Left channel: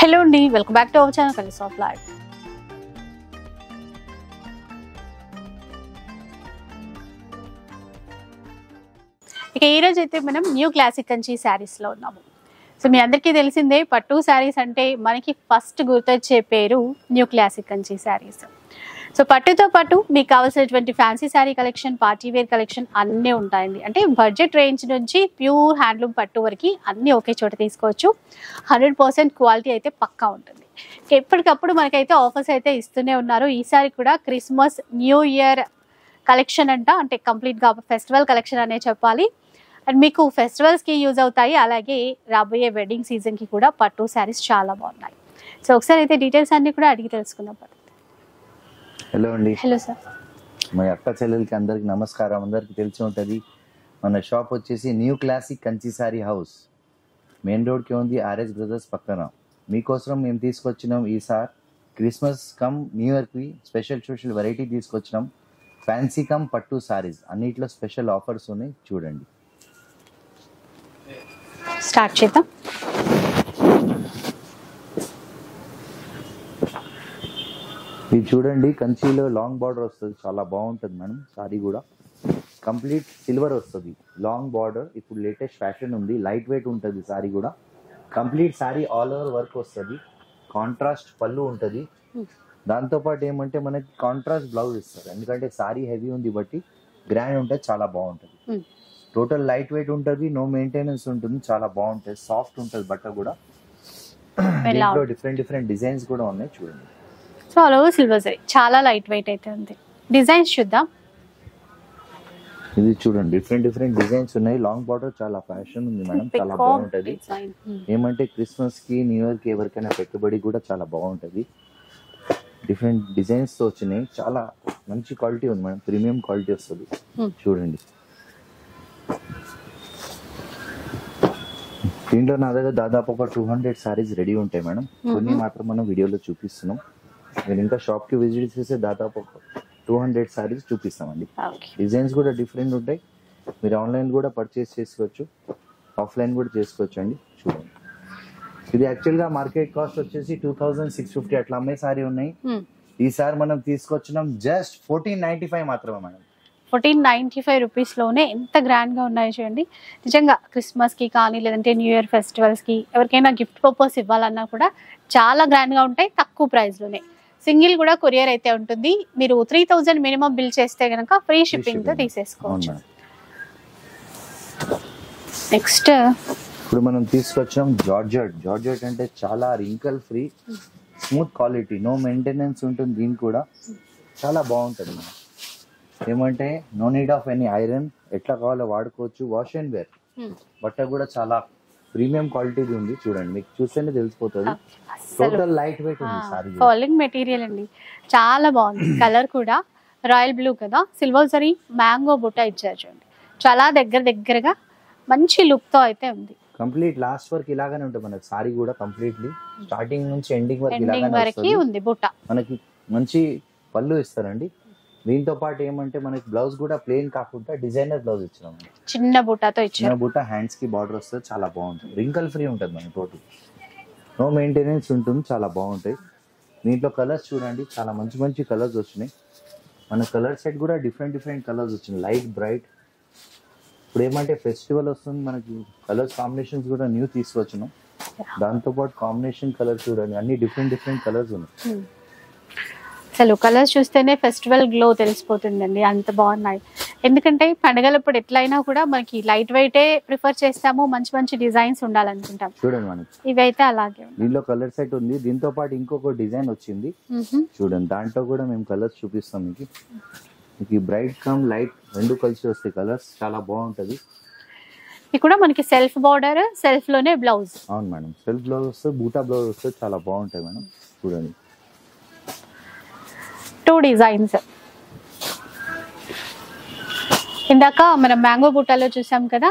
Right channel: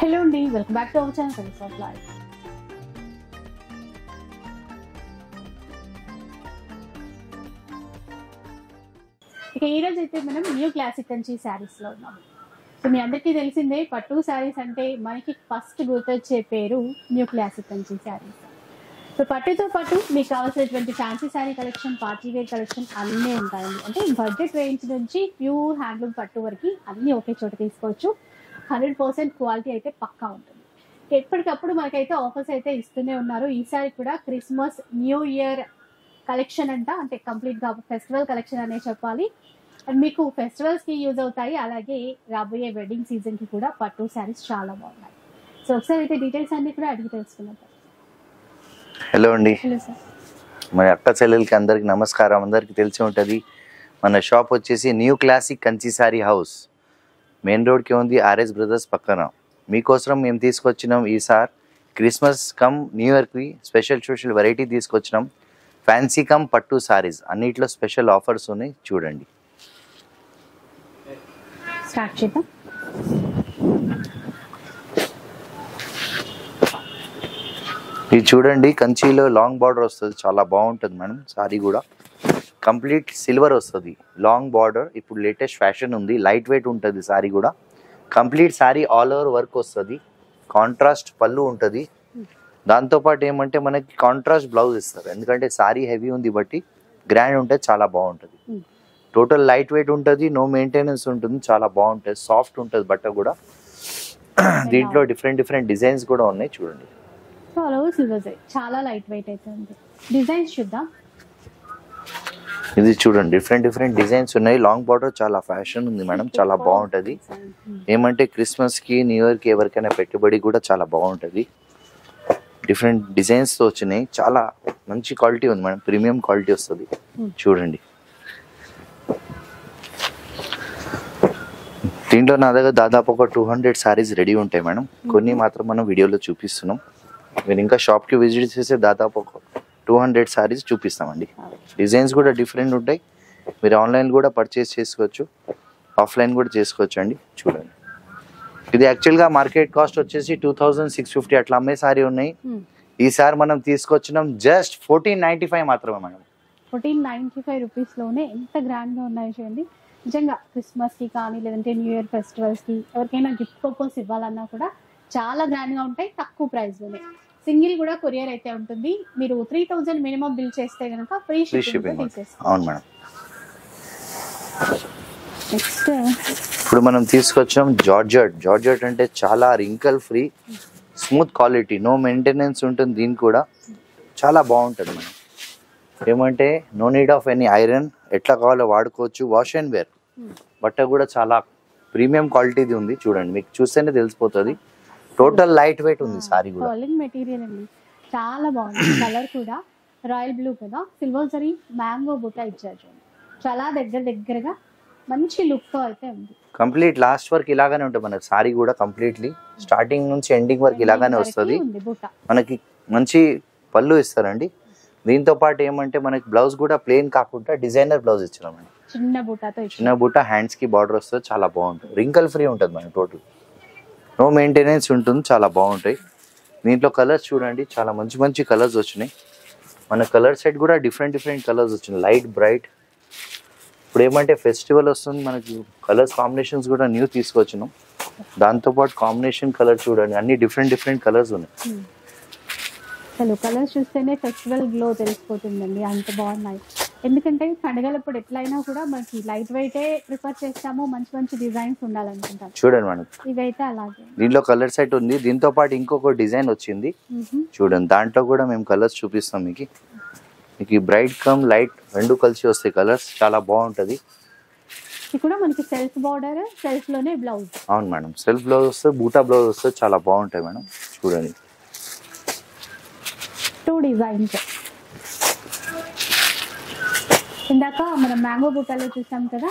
Hello అండి, welcome back to our channel colours of life. ఇక ఈరోజు అయితే మనం న్యూ క్లాసిక్ కంచి శారీస్లో ఉన్నాము. సో మీ అందరికీ తెలిసిందే, పట్టు శారీస్ అంటే మనకి ఫస్ట్ గుర్తొచ్చే పేరు new classic Kanchi saris. So పట్టుతో పాటు మీకు కావాల్సినటువంటి fancy sari collection, party wear collection అన్నీ ఉంటాయండి. అంటే బడ్జెట్ రేంజ్ నుంచి ప్యూర్ హ్యాండ్లూమ్ పట్టు వరకు అన్నీ ఒకే చోట తీసుకోవచ్చు. 100% క్వాలిటీ అయితే పక్కా ఉంటుంది. ఎప్పటికప్పుడు మనకైతే ఆఫర్స్ అయితే ఇస్తూనే ఉన్నారు. ఈసారి కూడా క్రిస్మస్, న్యూ ఇయర్ కలెక్షన్ అంటే కంప్లీట్గా ఫెస్టివల్ కలెక్షన్ అనే చెప్పాలి. అండ్ మీకు ఫెస్టివల్స్కి యూజ్ అవుతాయి, అలాగే రాబోయే వెడ్డింగ్ సీజన్కి కూడా పట్టు శారీస్ చాలా బాగున్నాయి. సో ఒకసారి అయితే డీటెయిల్స్ అన్నీ కూడా అడిగి తెలుసుకుందాం. హలో అండి. Hello sir. మన అక్క చెల్లెలకి అందరికి నమస్కారం. అందరికి తెలిసి ఉంటుంది, మన షాప్ వచ్చేసి new classic Kanchi sorry house, main రోడ్కి ఉంది, ఆర్ఎస్ బ్రదర్స్ పక్కన. మీకోసం మేము తీసుకొచ్చినాం ఈసారి క్రిస్మస్ కమ్ న్యూ ఇయర్కి స్పెషల్ వెరైటీ తీసుకొచ్చినాం. ఫ్యాన్సీ కమ్ పట్టు సారీస్ అన్నిట్లో స్పెషల్ ఆఫర్స్ ఉన్నాయి, చూడండి. స్టార్ట్ చేద్దాం. ఇది చూడండి, కంచిలో లాంగ్ బార్డర్ వస్తుంది, చాలా బాగుంటుంది మేడం. సారీ కూడా కంప్లీట్ సిల్వర్ వస్తుంది, లాంగ్ బార్డర్. ఇప్పుడు లేటెస్ట్ ఫ్యాషన్ ఉంది, లైట్ వెయిట్ ఉంటుంది సారీ కూడా. Complete sorry all over work వస్తుంది, కాంట్రాస్ట్ పళ్ళు ఉంటుంది. దాంతోపాటు ఏమంటే మనకి కాంట్రాస్ట్ బ్లౌజ్ ఇస్తారు, ఎందుకంటే సారీ హెవీ ఉంది బట్టి గ్రాండ్ ఉంటుంది, చాలా బాగుంటుంది. టోటల్ లైట్ వెయిట్ ఉంటుంది, నో మెయింటెనెన్స్ ఉంటుంది, చాలా బాగుంటుంది, సాఫ్ట్ ఉంటుంది బట్ట కూడా. దీంట్లో డిఫరెంట్ డిజైన్స్ కూడా ఉన్నాయి, చూడండి. So all over silver zari, చాలా లైట్ వెయిట్ అయితే ఉంది. డిజైన్స్ చూద్దాం. ఇది చూడండి, డిఫరెంట్ డిజైన్స్ ఉన్నాయి. లాంగ్ బార్డర్ చాలా ఫ్యాషన్ ఉంది మేడం, చాలా బాగుంటుంది. ఏమంటే క్రిస్మస్ కి, న్యూ ఇయర్ కి ఎవరికైనా పెట్టుబడి కూడా చాలా బాగుంటుంది. డిఫరెంట్ డిజైన్స్ తో వచ్చినాయి, చాలా మంచి క్వాలిటీ ఉంది మేడం, ప్రీమియం క్వాలిటీ వస్తుంది. చూడండి, దీంట్లో నా దగ్గర దాదాపు ఒక 200 సారీస్ రెడీ ఉంటాయి మేడం. కొన్ని మాత్రం మనం వీడియోలో చూపిస్తున్నాం. మీరు ఇంకా షాప్కి విజిట్ చేస్తే దాదాపు ఒక 200 సారీస్ చూపిస్తామండి. డిజైన్స్ కూడా డిఫరెంట్ ఉంటాయి. మీరు ఆన్లైన్ కూడా పర్చేస్ చేసుకోవచ్చు, ఆఫ్లైన్ కూడా చేసుకోవచ్చు అండి. చూడండి, ఇది యాక్చువల్గా మార్కెట్ కాస్ట్ వచ్చేసి 2650 అట్లా అమ్మే సారీ ఉన్నాయి. ఈసారి మనం తీసుకొచ్చినాం జస్ట్ 1495 మాత్రమే మేడం. 1495 రూపీస్లోనే ఎంత గ్రాండ్గా ఉన్నాయో చూడండి. నిజంగా క్రిస్మస్కి కానీ, లేదంటే న్యూ ఇయర్ ఫెస్టివల్స్కి ఎవరికైనా గిఫ్ట్ పర్పస్ ఇవ్వాలన్నా కూడా చాలా గ్రాండ్గా ఉంటాయి, తక్కువ ప్రైస్లోనే. సింగిల్ కూడా కొరియర్ అయితే ఉంటుంది. మీరు 3000 మినిమం బిల్ చేస్తే కనుక ఫ్రీ షిప్పింగ్తో తీసేసుకోవచ్చు. నెక్స్ట్ ఇప్పుడు మనం తీసుకొచ్చాం జార్జెట్ అంటే చాలా wrinkle free, smooth quality, no maintenance ఉంటుంది. దీనికి కూడా చాలా బాగుంటుంది మేడం. ఏమంటే no need of any iron, ఎట్లా కావాలో వాడుకోవచ్చు. వాష్ అండ్ వేర్ బట్ట కూడా చాలా ప్రీమియం క్వాలిటీది ఉంది, చూడండి, మీకు చూస్తేనే తెలిసిపోతుంది. టోటల్ లైట్ వెయిట్ ఉంది సారీ కూడా. ఫాలింగ్ మెటీరియల్ అండి, చాలా బాగుంది. కలర్ కూడా రాయల్ బ్లూ కదా, సిల్వర్ జరీ మ్యాంగో బుట్ట ఇచ్చారు చూడండి. చాలా దగ్గరగా మంచి లుక్ తో అయితే ఉంది. కంప్లీట్ లాస్ట్ వరకు ఇలాగానే ఉంటుంది మనకి సారీ కూడా, కంప్లీట్లీ స్టార్టింగ్ నుంచి ఎండింగ్ వరకు ఇలాగానే వస్తుంది. బుట్ట మనకి మంచి పళ్ళు ఇస్తారండి. దీంతో పాటు ఏమంటే మనకి బ్లౌజ్ కూడా ప్లెయిన్ కాకుండా డిజైనర్ బ్లౌజ్ ఇచ్చినాం, చిన్న బుట్టతో. చిన్న బుట్ట, హ్యాండ్స్ కి బార్డర్ వస్తుంది, చాలా బాగుంటుంది. రింకల్ ఫ్రీ ఉంటుంది మనకి, టోటల్ నో మెయింటెనెన్స్ ఉంటుంది, చాలా బాగుంటాయి. దీంట్లో కలర్స్ చూడండి, చాలా మంచి కలర్స్ వచ్చినాయి. మన కలర్ సెట్ కూడా డిఫరెంట్ కలర్స్ వచ్చినాయి, లైట్ బ్రైట్. ఇప్పుడు ఏమంటే ఫెస్టివల్ వస్తుంది, మనకి కలర్స్ కాంబినేషన్స్ కూడా న్యూ తీసుకొచ్చినాం. దాంతోపాటు కాంబినేషన్ కలర్ చూడండి, అన్ని డిఫరెంట్ కలర్స్ ఉన్నాయి. అసలు కలర్స్ చూస్తేనే ఫెస్టివల్ గ్లో తెలిసిపోతుందండి, అంత బాగున్నాయి. ఎందుకంటే పండుగలప్పుడు ఎట్లయినా కూడా మనకి లైట్ వెయిటే ప్రిఫర్ చేస్తాము, మంచి డిజైన్స్ ఉండాలనుకుంటాం. చూడండి మేడం, ఇవైతే అలాగే. దీంట్లో కలర్ సెట్ ఉంది, దీంతో పాటు ఇంకొక డిజైన్ వచ్చింది చూడండి. దాంట్లో కూడా మేము కలర్స్ చూపిస్తాం మీకు. బ్రైట్ కమ్ లైట్ రెండు కలిసి వస్తాయి కలర్స్, చాలా బాగుంటది. ఇది కూడా మనకి సెల్ఫ్ బార్డర్, సెల్ఫ్ లోనే బ్లౌజ్. అవును మేడం, సెల్ఫ్ బ్లౌజ్ వస్తుంది, బూటా బ్లౌజ్ వస్తుంది, చాలా బాగుంటాయి మేడం. చూడండి, 2 డిజైన్స్. ఇందాక మనం మ్యాంగో బుట్టాలో చూసాం కదా,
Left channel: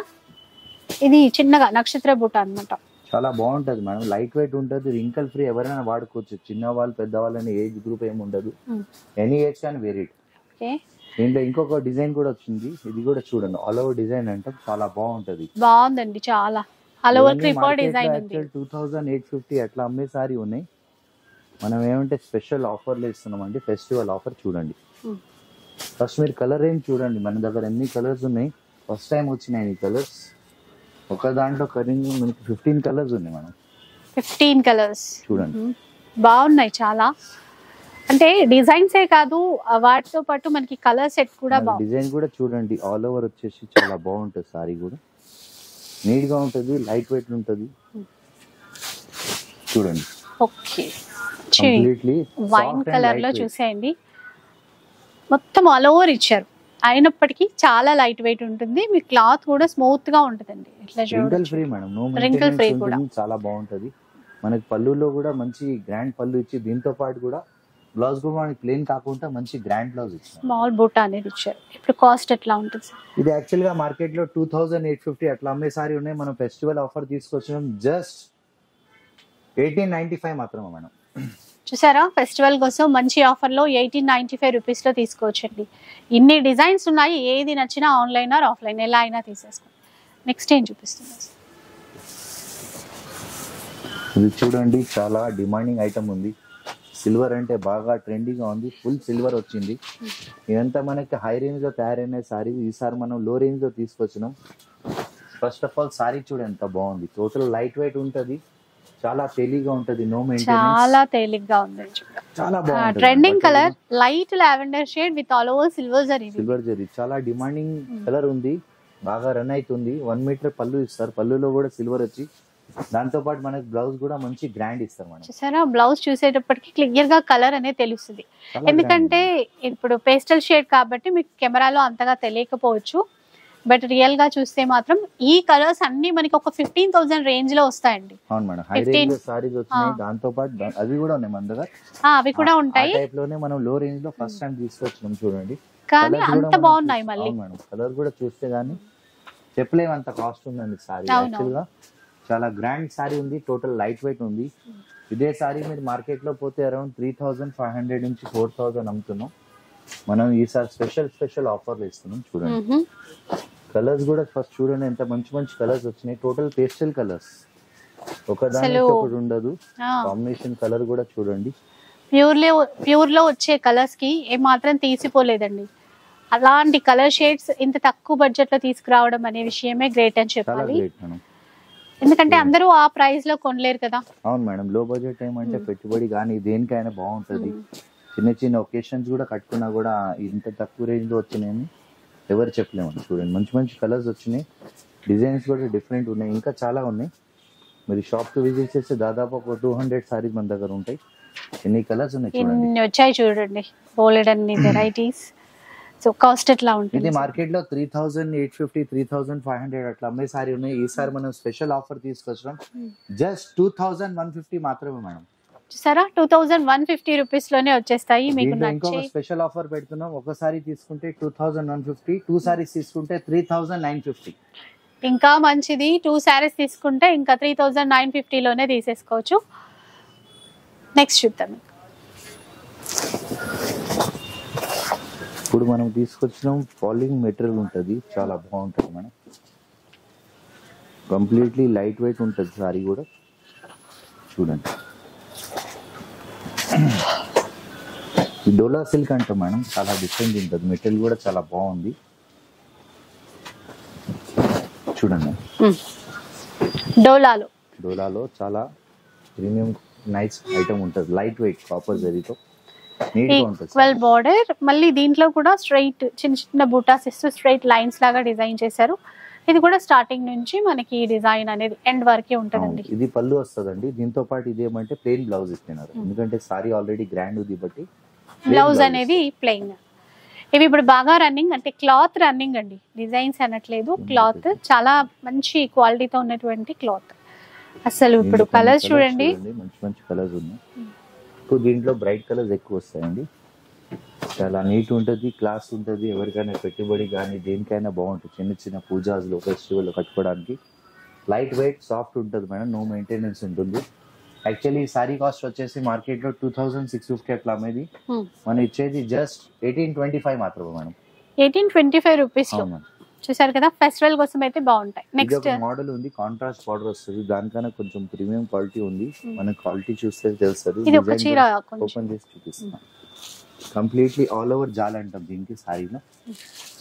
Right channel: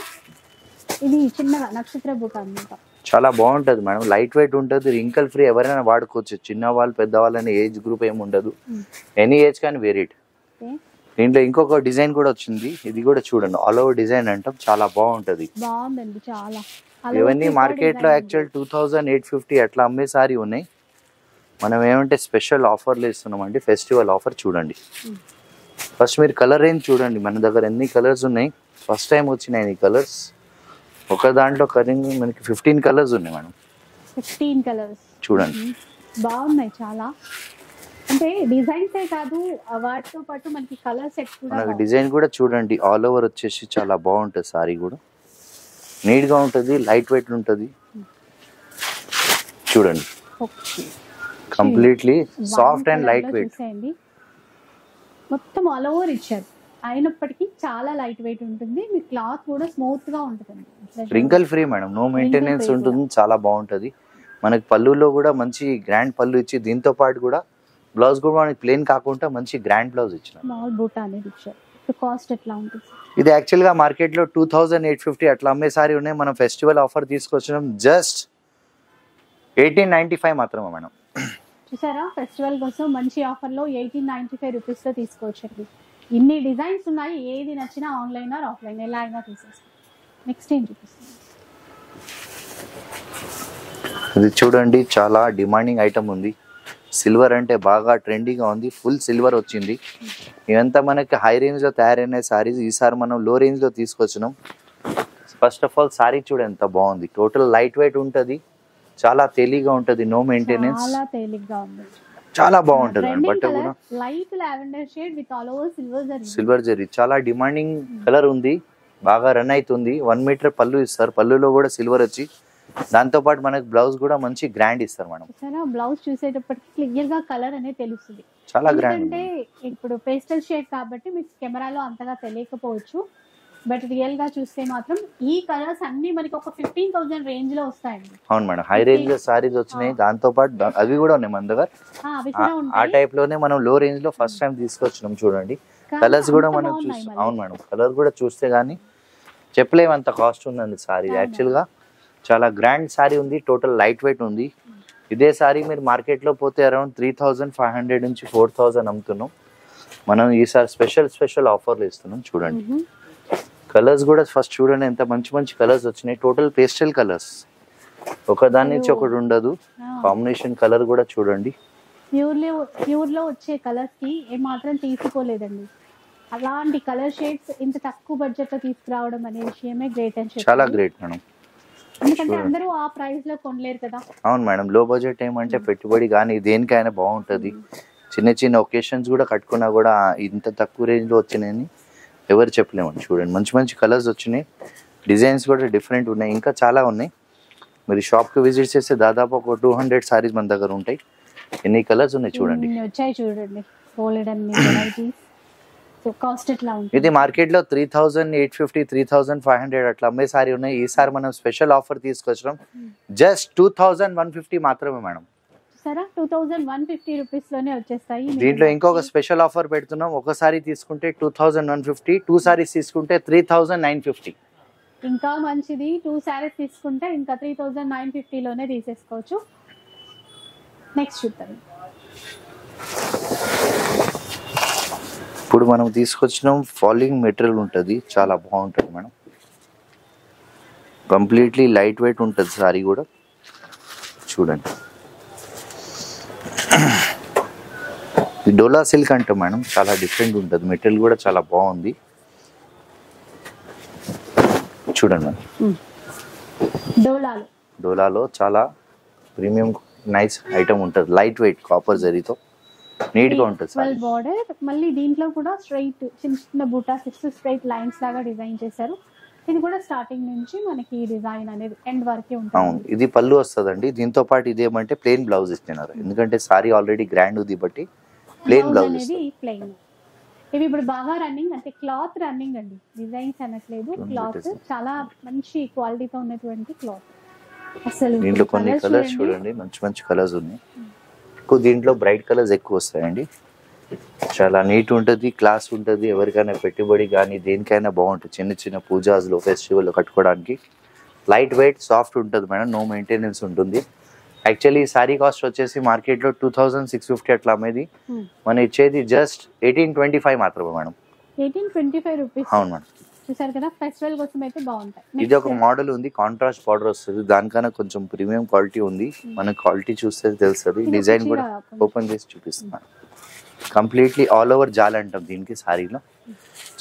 ఇది చిన్నగా నక్షత్ర బుట్ట అన్నమాట. చాలా బాగుంటది మేడం, లైట్ వెయిట్ ఉంటుంది, రింకల్ ఫ్రీ, ఎవరైనా వాడుకోవచ్చు. చిన్న వాళ్ళు, పెద్దవాళ్ళు అనే ఏజ్ గ్రూప్ ఏమి ఉండదు, ఎనీ ఏజ్ కానీ వేరీడ్. దీంట్లో ఇంకొక డిజైన్ కూడా వచ్చింది, ఇది కూడా చూడండి, ఆల్ ఓవర్ డిజైన్ అంటాం, చాలా బాగుంటది. బాగుందండి చాలా. ఆల్ ఓవర్ ఇవన్నీ మార్కెట్ లో యాక్చువల్ 2850 అట్లా అమ్మే సారీ ఉన్నాయి. మనం ఏమంటే స్పెషల్ ఆఫర్లు ఇస్తున్నామండి, ఫెస్టివల్ ఆఫర్ చూడండి. ఫస్ట్ మీరు కలర్ రేంజ్ చూడండి, మన దగ్గర ఎన్ని కలర్స్ ఉన్నాయి. ఫస్ట్ టైం వచ్చినాయి ఈ కలర్స్. ఒక దాంట్లో కరెంట్ మనకి 15 కలర్స్ ఉన్నాయి మేడం. 15 కలర్స్ చూడండి, బాగున్నాయి చాలా. అంటే డిజైన్సే కాదు, వాటితో పాటు మనకి కలర్ సెట్ కూడా డిజైన్ కూడా చూడండి. ఆల్ ఓవర్ వచ్చేసి చాలా బాగుంటుంది సారీ కూడా, నీట్ గా ఉంటుంది, లైట్ వెయిట్ ఉంటుంది. చూడండి, okay completely soft and light weight. చూసేయండి, మొత్తం ఆల్ ఓవర్ ఇచ్చారు. అయినప్పటికీ చాలా లైట్ వెయిట్ ఉంటుంది. మీ క్లాత్ కూడా స్మూత్ గా ఉంటుందండి. Wrinkle free madam, no maintenance ఉంటుంది, చాలా బాగుంటుంది. మనకి పళ్ళులో కూడా మంచి గ్రాండ్ పళ్ళు ఇచ్చి, దీంతో పాటు కూడా బ్లౌజ్ కూడా మనకి ప్లేన్ కాకుండా మంచి గ్రాండ్ బ్లౌజ్ ఇచ్చారు. స్మాల్ బూటా అనేది ఇచ్చారు. ఇప్పుడు కాస్ట్ ఎట్లా ఉంటుంది సార్? ఇది యాక్చువల్ గా మార్కెట్ లో 2850 అట్లా అమ్మే సారీ ఉన్నాయి. మనం ఫెస్టివల్ ఆఫర్ తీసుకొచ్చినాం జస్ట్ 1895 మాత్రమే మేడం. చూసారా, ఫెస్టివల్ కోసం మంచి ఆఫర్లో 1895 రూపీస్లో తీసుకోవచ్చండి. ఇన్ని డిజైన్స్ ఉన్నాయి, ఏది నచ్చినా ఆన్లైన్ ఆర్ ఆఫ్లైన్ ఎలా అయినా తీసేసుకోండి. నెక్స్ట్ ఏం చూపిస్తుంది? ఇది చూడండి, చాలా డిమాండింగ్ ఐటమ్ ఉంది. సిల్వర్ అంటే బాగా ట్రెండీగా ఉంది, ఫుల్ సిల్వర్ వచ్చింది. ఇదంతా మనకి హై రేంజ్ లో తయారైన సారీస్. ఈసారి మనం లో రేంజ్ లో తీసుకొచ్చినాం. ఫస్ట్ ఆఫ్ ఆల్ సారీ చూడండి ఎంత బాగుంది. టోటల్ లైట్ వెయిట్ ఉంటది, చాలా తేలిగ్గా ఉంటది, నో మెయింటెనెన్స్, చాలా తేలిగ్గా ఉంది, చాలా బాగుంటది. Trending colour light lavender shade with all over silver zari చాలా డిమాండింగ్ కలర్ ఉంది, బాగా రన్ అవుతుంది. 1 మీటర్ పళ్ళు ఇస్తారు, పళ్ళులో కూడా సిల్వర్ వచ్చి, దాంతో పాటు మనకి బ్లౌజ్ కూడా మంచి గ్రాండ్ ఇస్తారు మేడం. చూసారా, బ్లౌజ్ చూసేటప్పటికి క్లియర్ గా కలర్ అనేది తెలుస్తుంది. ఎందుకంటే ఇప్పుడు పేస్టల్ షేడ్ కాబట్టి మీకు కెమెరాలో అంతగా తెలియకపోవచ్చు, బట్ రియల్ గా చూస్తే మాత్రం ఈ కలర్స్ అన్ని మనకి ఒక 15,000 రేంజ్ లో వస్తాయండి. అవును మేడం, హై రేంజ్ లో సారీస్ వచ్చినాయి, దాంతో పాటు అవి కూడా ఉన్నాయి మన దగ్గర. అవి కూడా ఉంటాయి. ఆ టైప్ లోనే మనం లో రేంజ్ లో ఫస్ట్ టైం తీసుకొచ్చినాం. చూడండి కలర్స్ కూడా మనం, అవును మేడం, కలర్ కూడా చూస్తే గానీ చెప్పలేము అంత కాస్ట్ ఉందండి సారీ. యాక్చువల్ గా చాలా గ్రాండ్ సారీ ఉంది, టోటల్ లైట్ వెయిట్ ఉంది. ఇదే సారీ మీరు మార్కెట్ లో పోతే అరౌండ్ 3,500 నుంచి 4,000 అమ్ముతున్నాం. మనం ఈసారి స్పెషల్ ఆఫర్లు ఇస్తున్నాం. చూడండి కలర్స్ కూడా ఫస్ట్ చూడండి, ఎంత మంచి మంచి కలర్స్ వచ్చినాయి. టోటల్ పేస్టల్ కలర్స్, ఒక దాని నుంచి ఒకటి ఉండదు. కాంబినేషన్ కలర్ కూడా చూడండి, ప్యూర్ లో వచ్చే కలర్స్ కి ఏ మాత్రం తీసిపోలేదండి. అలాంటి కలర్ షేడ్స్ ఇంత తక్కువ బడ్జెట్ లో తీసుకురావడం అనే విషయమే గ్రేట్ అని చెప్పాలి. చాలా గ్రేట్ మేడం, ఎందుకంటే అందరూ ఆ ప్రైస్ లో కొనలేరు కదా. అవును మేడం, లో బడ్జెట్ ఏమంటే పెట్టుబడి కానీ దేనికైనా బాగుంటది. చిన్న చిన్న ఒకేషన్స్ కూడా కట్టుకున్నా కూడా ఇంత తక్కువ రేంజ్ లో వచ్చినాయని ఎవరు చెప్పలేము. చూడండి మంచి మంచి కలర్స్ వచ్చినాయి, డిజైన్స్ కూడా డిఫరెంట్ ఉన్నాయి, ఇంకా చాలా ఉన్నాయి. మీరు షాప్ కి విజిట్ చేస్తే దాదాపు ఒక 200 సారీస్ మన దగ్గర ఉంటాయి. ఎన్ని కలర్స్ ఉన్నాయి చూడండి, వచ్చాయి చూడండి, బోలెడ్ అన్ని వెరైటీస్. సో కాస్ట్ ఎట్లా ఉంటుంది? ఇది మార్కెట్ లో 3,850 3,500 అట్లా అమ్మే సారీ ఉన్నాయి. ఈసారి మనం స్పెషల్ ఆఫర్ తీసుకొచ్చాం, జస్ట్ 2,150 మాత్రమే మేడం. చూసారా, 2,150 రూపీస్ లోనే వచ్చేస్తాయి. దీంట్లో ఇంకొక స్పెషల్ ఆఫర్ పెడుతున్నాం. ఒక సారీ తీసుకుంటే 2,150, 2 సారీస్ తీసుకుంటే 3,950. ఇంకా మంచిది, 2 సారీస్ తీసుకుంటే ఇంకా 3,950 లోనే తీసేసుకోవచ్చు. నెక్స్ట్ చూద్దాం. ఇప్పుడు మనం తీసుకొచ్చినాం ఫాలింగ్ మెటీరియల్ ఉంటుంది, చాలా బాగుంటుంది మేడం. కంప్లీట్లీ లైట్ వెయిట్ ఉంటుంది సారీ కూడా. చూడండి డోలా సిల్క్ అంటే మేడం చాలా డిఫరెంట్ ఉంటుంది, మెటీరియల్ కూడా చాలా బాగుంది. చూడండి మేడం, డోలాలో చాలా ప్రీమియం నైస్ ఐటమ్ ఉంటుంది, లైట్ వెయిట్ కాపర్ జరీతో నీట్ గా ఉంటుంది. బార్డర్ మళ్ళీ దీంట్లో కూడా స్ట్రైట్ చిన్న చిన్న బూటాస్ ఇస్తూ స్ట్రైట్ లైన్స్ లాగా డిజైన్ చేశారు. ఇది కూడా స్టార్టింగ్ నుంచి మనకి డిజైన్ అనేది ఎండ్ వరకే ఉంటుంది. ఇది పళ్ళు వస్తుందండి, దీంతో పాటు ఇదేమంటే ప్లెయిన్ బ్లౌజ్ ఇస్తున్నారు, ఎందుకంటే సారీ ఆల్రెడీ గ్రాండ్ ఉంది బట్టి బ్లౌజ్ అనేది ప్లెయిన్. ఇవి ఇప్పుడు బాగా రన్నింగ్, అంటే క్లాత్ రన్నింగ్ అండి, డిజైన్స్ అనట్లేదు, క్లాత్ చాలా మంచి క్వాలిటీతో ఉన్నటువంటి క్లాత్. అసలు ఇప్పుడు కలర్స్ చూడండి, మంచి మంచి కలర్స్ ఉన్నాయి. ఎక్కువ దీంట్లో బ్రైట్ కలర్స్ ఎక్కువ వస్తాయండి, చాలా నీట్ ఉంటుంది, క్లాస్ ఉంటుంది. ఎవరికైనా పెట్టుబడి కానీ దేనికైనా బాగుంటుంది. చిన్న చిన్న పూజాస్లో ఫెస్టివల్లో కట్టుకోవడానికి లైట్ వెయిట్ సాఫ్ట్ ఉంటుంది మేడం, నో మెయింటెనెన్స్ ఉంటుంది. యాక్చువల్లీ ఈ సారీ కాస్ట్ వచ్చేసి మార్కెట్లో 2,650 అట్లా అమ్మేది, మనం ఇచ్చేది జస్ట్ 1825 మాత్రమే మేడం. 1825 రూపీస్. అవును మేడం, చూసారు కదా, ఫెస్టివల్ కోసం అయితే బాగుంటాయి. ఇది నెక్స్ట్ ఒక మోడల్ ఉంది, కాంట్రాస్ట్ బార్డర్ వస్తుంది, దానికన్నా కొంచెం ప్రీమియం క్వాలిటీ ఉంది. మన క్వాలిటీ చూస్తే తెలుస్తుంది. ఇది ఒక డిజైన్ చీర కూడా కొంచెం. ఓపెన్ చేసి చూపిస్తున్నాను. కంప్లీట్లీ ఆల్ ఓవర్ జాల్ అంటాం దీనికి, సారీలో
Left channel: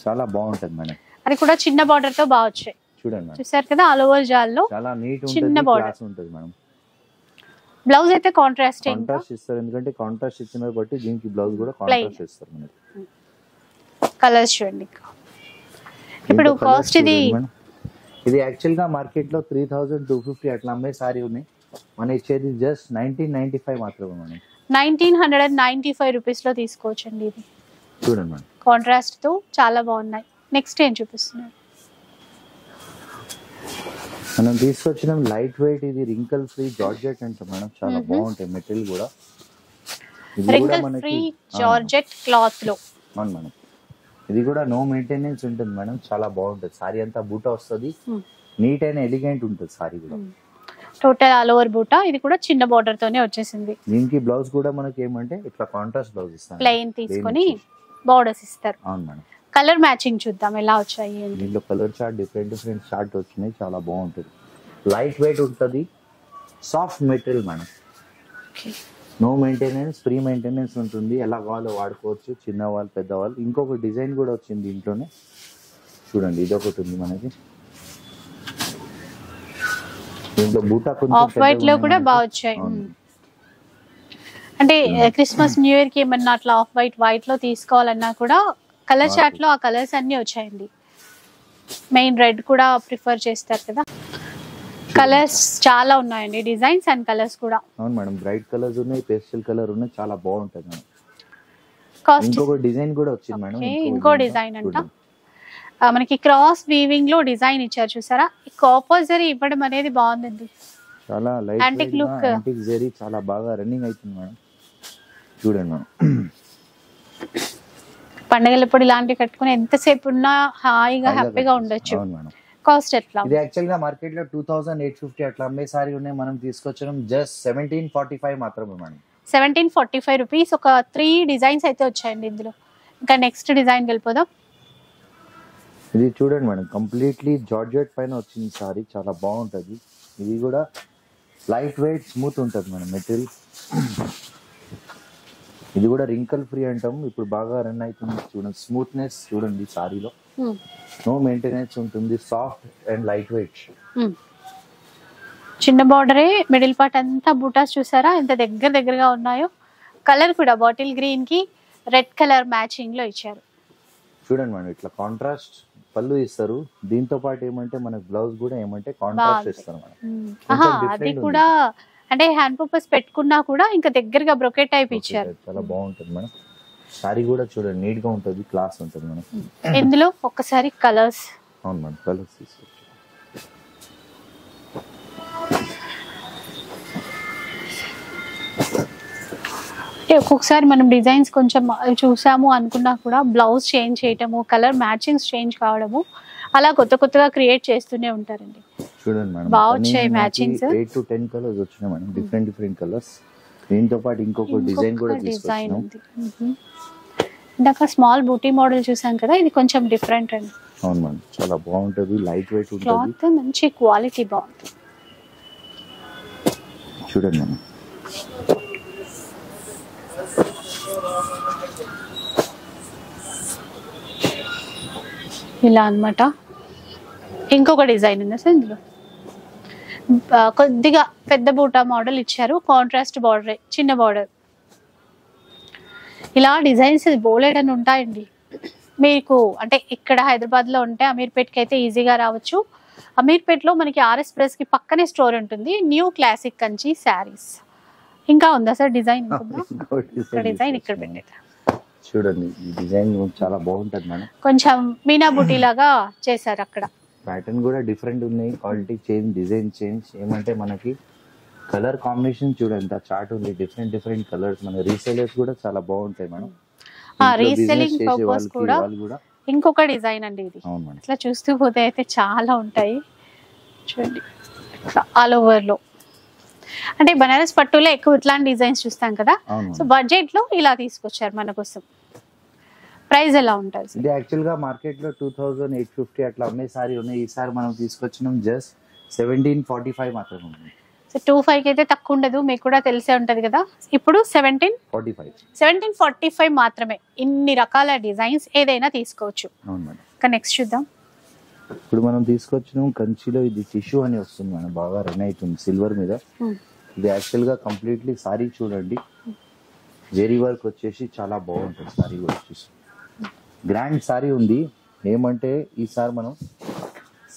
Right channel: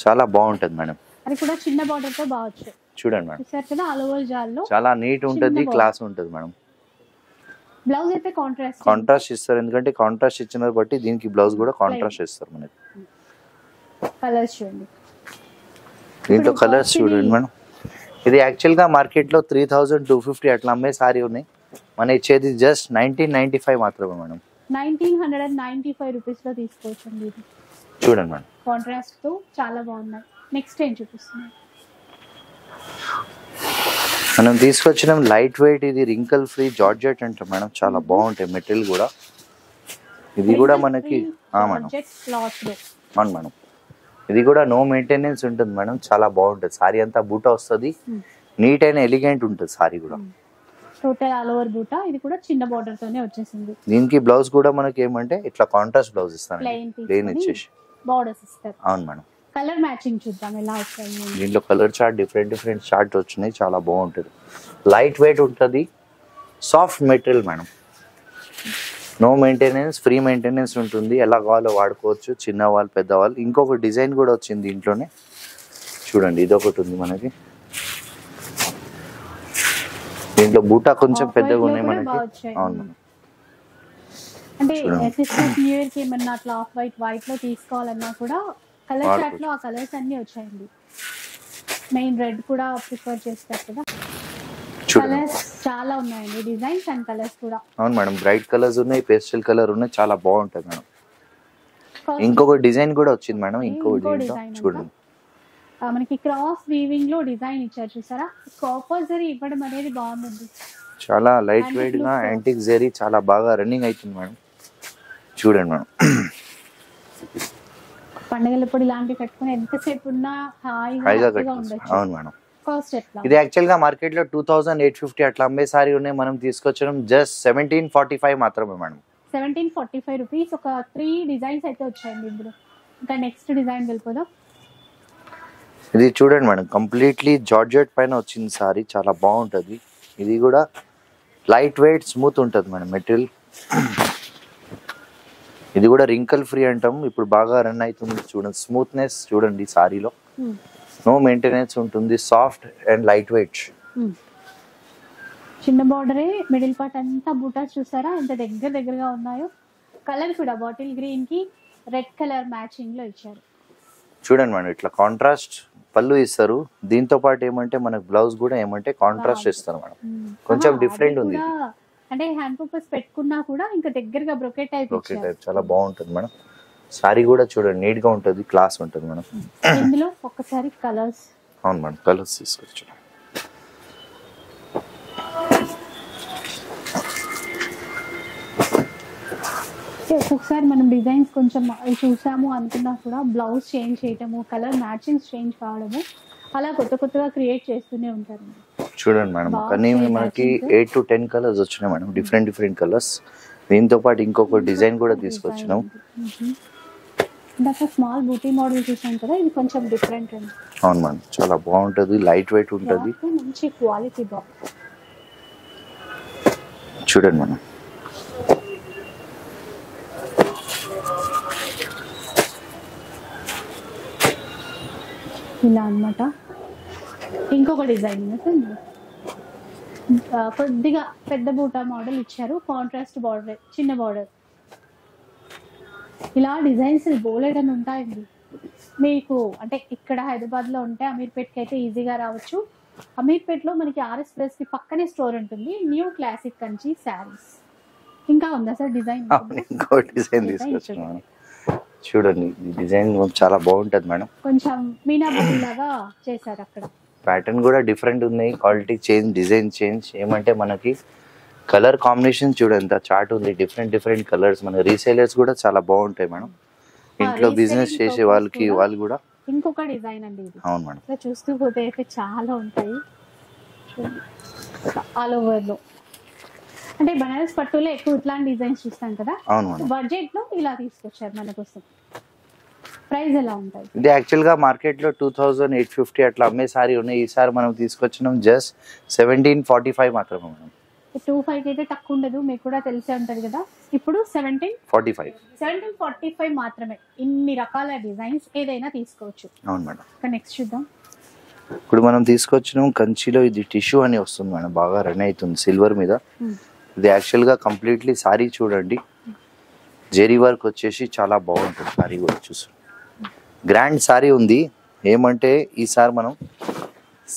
చాలా బాగుంటది మేడం. అది కూడా చిన్న బార్డర్ తో బాగా వచ్చాయి. చూడండి మేడం, చూసారు కదా, ఆల్ ఓవర్ జాల్లో చాలా నీట్ చిన్న ఉంటుంది, border. క్లాస్ ఉంటుంది మేడం. బ్లౌజ్ అయితే కాంట్రాస్ట్ కాంట్రాస్ట్ ఇస్తారు, ఎందుకంటే కాంట్రాస్ట్ ఇచ్చిన బట్టి దీనికి బ్లౌజ్ కూడా కాంట్రాస్ట్ ఇస్తారు మనకి. కలర్స్ చూడండి. దీంట్లో ఇప్పుడు కలర్స్ cost ఇది చూడండి మేడం. ఇది యాక్చువల్ గా మార్కెట్ లో 3250 అట్లా అమ్మే సారీ ఉన్నాయి, మన ఇచ్చేది జస్ట్ 1995 మాత్రమే మేడం. 1995 రూపీస్ లో తీసుకోవచ్చండి. ఇది చూడండి మేడం, కాంట్రాస్ట్ తో చాలా బాగున్నాయి. నెక్స్ట్ ఏం చూపిస్తున్నాను? మనం తీసుకొచ్చిన లైట్ వెయిట్, ఇది రింకల్ ఫ్రీ జార్జెట్ అంటాం మేడం, చాలా బాగుంటాయి మెటీరియల్ కూడా. ఇది కూడా మనకి జార్జెట్ క్లాత్ లో. అవును మేడం, ఇది కూడా నో మెయింటెనెన్స్ ఉంటుంది మేడం, చాలా బాగుంటుంది. సారీ అంతా బూటా వస్తుంది, నీట్ అండ్ ఎలిగెంట్ ఉంటుంది సారీ కూడా. టోటల్ ఆల్ ఓవర్ బూటా. ఇది కూడా చిన్న బార్డర్ తోనే వచ్చేసింది. దీనికి బ్లౌజ్ కూడా మనకి ఏమంటే ఇట్లా కాంట్రాస్ట్ బ్లౌజ్ ఇస్తాను, ప్లెయిన్ తీసుకొని బార్డర్స్ ఇస్తారు. అవును మేడం. కలర్ మ్యాచింగ్ చూద్దాం ఎలా వచ్చాయి. దీంట్లో కలర్ చార్ట్ డిఫరెంట్ చార్ట్ వచ్చినాయి, చాలా బాగుంటుంది. లైట్ వెయిట్ ఉంటుంది, soft material madam, no maintenance, free maintenance ఉంటుంది. ఎలా కావాలో వాడుకోవచ్చు, చిన్నవాళ్ళు పెద్దవాళ్ళు. ఇంకొక డిజైన్ కూడా వచ్చింది దీంట్లోనే, చూడండి ఇది ఒకటి ఉంది మనకి. దీంట్లో బూటా కొంచెం వైట్ లో కూడా పెద్దగా బాగా వచ్చాయి. అంటే క్రిస్మస్ న్యూ ఇయర్ కి ఏమన్నా అట్లా ఆఫ్ వైట్ లో తీసుకోవాలన్నా కూడా కలర్ చార్ట్ లో ఆ కలర్స్ అన్ని వచ్చాయండి. మెయిన్ రెడ్ కూడా ప్రిఫర్ చేస్తారు కదా. కలర్స్ చాలా ఉన్నాయండి, డిజైన్స్ అండ్ కలర్స్ కూడా. అవును మేడం, బ్రైట్ కలర్స్ ఉన్నాయి, పేస్టల్ కలర్ ఉన్నాయి, చాలా బాగుంటది మేడం. కాస్ట్ ఇంకొక డిజైన్ కూడా వచ్చింది మేడం, ఇంకో డిజైన్ అంట. మనకి క్రాస్ వీవింగ్ లో డిజైన్ ఇచ్చారు చూసారా. కాపర్జరీ ఇవ్వడం అనేది బాగుందండి, చాలా లైట్ Antique వెయిట్ గా look. యాంటిక్ జరీ చాలా బాగా రన్నింగ్ అవుతుంది మేడం. చూడండి మేడం, పండగలప్పుడు ఇలాంటివి కట్టుకుని ఎంతసేపు ఉన్నా హాయిగా హ్యాపీగా ఉండొచ్చు. అవును మేడం. కాస్ట్ ఎట్లా? ఇది యాక్చువల్ గా మార్కెట్ లో 2850 అట్లా అమ్మే సారీ ఉన్నాయి, మనం తీసుకొచ్చడం జస్ట్ 1745 మాత్రమే మేడం. 1745 రూపీస్. ఒక 3 డిజైన్స్ అయితే వచ్చాయండి ఇందులో. ఇంకా నెక్స్ట్ డిజైన్ వెళ్ళిపోదాం. ఇది చూడండి మేడం, కంప్లీట్లీ జార్జెట్ పైన వచ్చింది సారీ, చాలా బాగుంటది. ఇది కూడా లైట్ వెయిట్ స్మూత్ ఉంటుంది మేడం మెటీరియల్. ఇది కూడా రింకల్ ఫ్రీ అంటాం, ఇప్పుడు బాగా రన్ అవుతుంది. చూడండి స్మూత్నెస్ చూడండి సారీలో, నో మెయింటెనెన్స్ ఉంటుంది, సాఫ్ట్ అండ్ లైట్ వెయిట్. చిన్న బార్డరే, మిడిల్ పార్ట్ అంతా బూటాస్ చూసారా ఎంత దగ్గరగా ఉన్నాయో. కలర్ కూడా బాటిల్ గ్రీన్ కి రెడ్ కలర్ మ్యాచింగ్ లో ఇచ్చారు. చూడండి మేడం, ఇట్లా కాంట్రాస్ట్ పళ్ళు ఇస్తారు, దీంతో పాటు ఏమంటే మనకు బ్లౌజ్ కూడా ఏమంటే కాంట్రాస్ట్ ఇస్తారు మేడం. కొంచెం డిఫరెంట్ ఉంది, అంటే హ్యాండ్ పర్పస్ పెట్టుకున్నా కూడా ఇంకా దగ్గరగా బ్రొకెట్ టైప్ ఇచ్చారు. చాలా బాగుంటుంది మేడం. సారీ కూడా చూడండి నీట్ గా ఉంటుంది, క్లాస్ ఉంటుంది మేడం. ఇందులో ఒక్కసారి కలర్స్. అవును మేడం, కలర్స్ తీసుకొచ్చు. ఒక్కొక్కసారి మనం డిజైన్స్ కొంచెం చూసాము అనుకున్నా కూడా బ్లౌజ్ చేంజ్ చేయటము, కలర్ మ్యాచింగ్స్ చేంజ్ కావడము, అలా కొత్తగా క్రియేట్ చేస్తూనే ఉంటారండి. చూడండి మేడం, 8 to 10 కలర్స్ వచ్చినాయి మేడం, డిఫరెంట్ కలర్స్. దీంతో పాటు ఇంకొక డిజైన్ కూడా తీసుకొచ్చినాం. ఇందాక స్మాల్ బూటీ మోడల్ చూసాం కదా, ఇది కొంచెం డిఫరెంట్ అండి. అవును మేడం, చాలా బాగుంటది, లైట్ వెయిట్ ఉంటుంది, మంచి క్వాలిటీ బాగుంటుంది. చూడండి మేడం, ఇలా అన్నమాట. ఇంకొక డిజైన్ ఉంది సార్ ఇందులో, కొద్దిగా పెద్ద బూటా మోడల్ ఇచ్చారు, కాంట్రాస్ట్ బార్డర్, చిన్న బార్డర్. ఇలా డిజైన్స్ బోలెడని ఉంటాయండి మీకు. అంటే ఇక్కడ హైదరాబాద్లో ఉంటే అమీర్పేట్కి అయితే ఈజీగా రావచ్చు. అమీర్పేట్లో మనకి ఆర్ఎస్ ప్రెస్కి పక్కనే స్టోర్ ఉంటుంది, న్యూ క్లాసిక్ కంచి శారీస్. ఇంకా ఉందా సార్ డిజైన్? ఇంకో డిజైన్ ఇక్కడ పెట్టండి. చూడండి, ఈ డిజైన్ చాలా బాగుంటది మేడం, కొంచెం మీనా బుటీ లాగా చేశారు. అక్కడ ప్యాటర్న్ కూడా డిఫరెంట్ ఉన్నాయి, క్వాలిటీ చేంజ్, డిజైన్ చేంజ్. ఏమంటే మనకి కలర్ కాంబినేషన్ చూడండి చార్ట్ ఉంది, డిఫరెంట్ కలర్స్. మన రీసేలర్స్ కూడా చాలా బాగుంటాయి మేడం, ఇంట్లో బిజినెస్ చేసే వాళ్ళకి వాళ్ళు కూడా. ఇంకొక డిజైన్ అండి ఇది. అవును మేడం, ఇట్లా చూస్తూ పోతే అయితే చాలా ఉంటాయి. చూడండి ఆల్ ఓవర్ లో, అంటే బనారస్ పట్టులో ఎక్కువ ఇట్లాంటి డిజైన్స్ చూస్తాం కదా. సో బడ్జెట్ లో ఇలా తీసుకొచ్చారు మన కోసం. ప్రైస్ ఎలా ఉంటుంది? ఇది యాక్చువల్ గా మార్కెట్ లో 2850 అట్లా అమ్మే సారీ ఉన్నాయి. ఈసారి మనం తీసుకొచ్చినాం జస్ట్ 1745 మాత్రమే ఉన్నాయి. సో 25 కి అయితే తక్కువ ఉండదు, మీకు కూడా తెలిసే ఉంటది కదా. ఇప్పుడు 1745 మాత్రమే. ఇన్ని రకాల డిజైన్స్ ఏదైనా తీసుకోవచ్చు. అవును మేడం. ఇంకా నెక్స్ట్ చూద్దాం. ఇప్పుడు మనం తీసుకొచ్చినాం కంచిలో, ఇది టిష్యూ అని వస్తుంది మేడం, బాగా రన్ అవుతుంది సిల్వర్ మీద. ఇది యాక్చువల్ గా కంప్లీట్లీ సారీ చూడండి, జెరీ వర్క్ వచ్చేసి చాలా బాగుంటుంది సారీ కూడా. చూసి గ్రాండ్ సారీ ఉంది. ఏమంటే ఈసారి మనం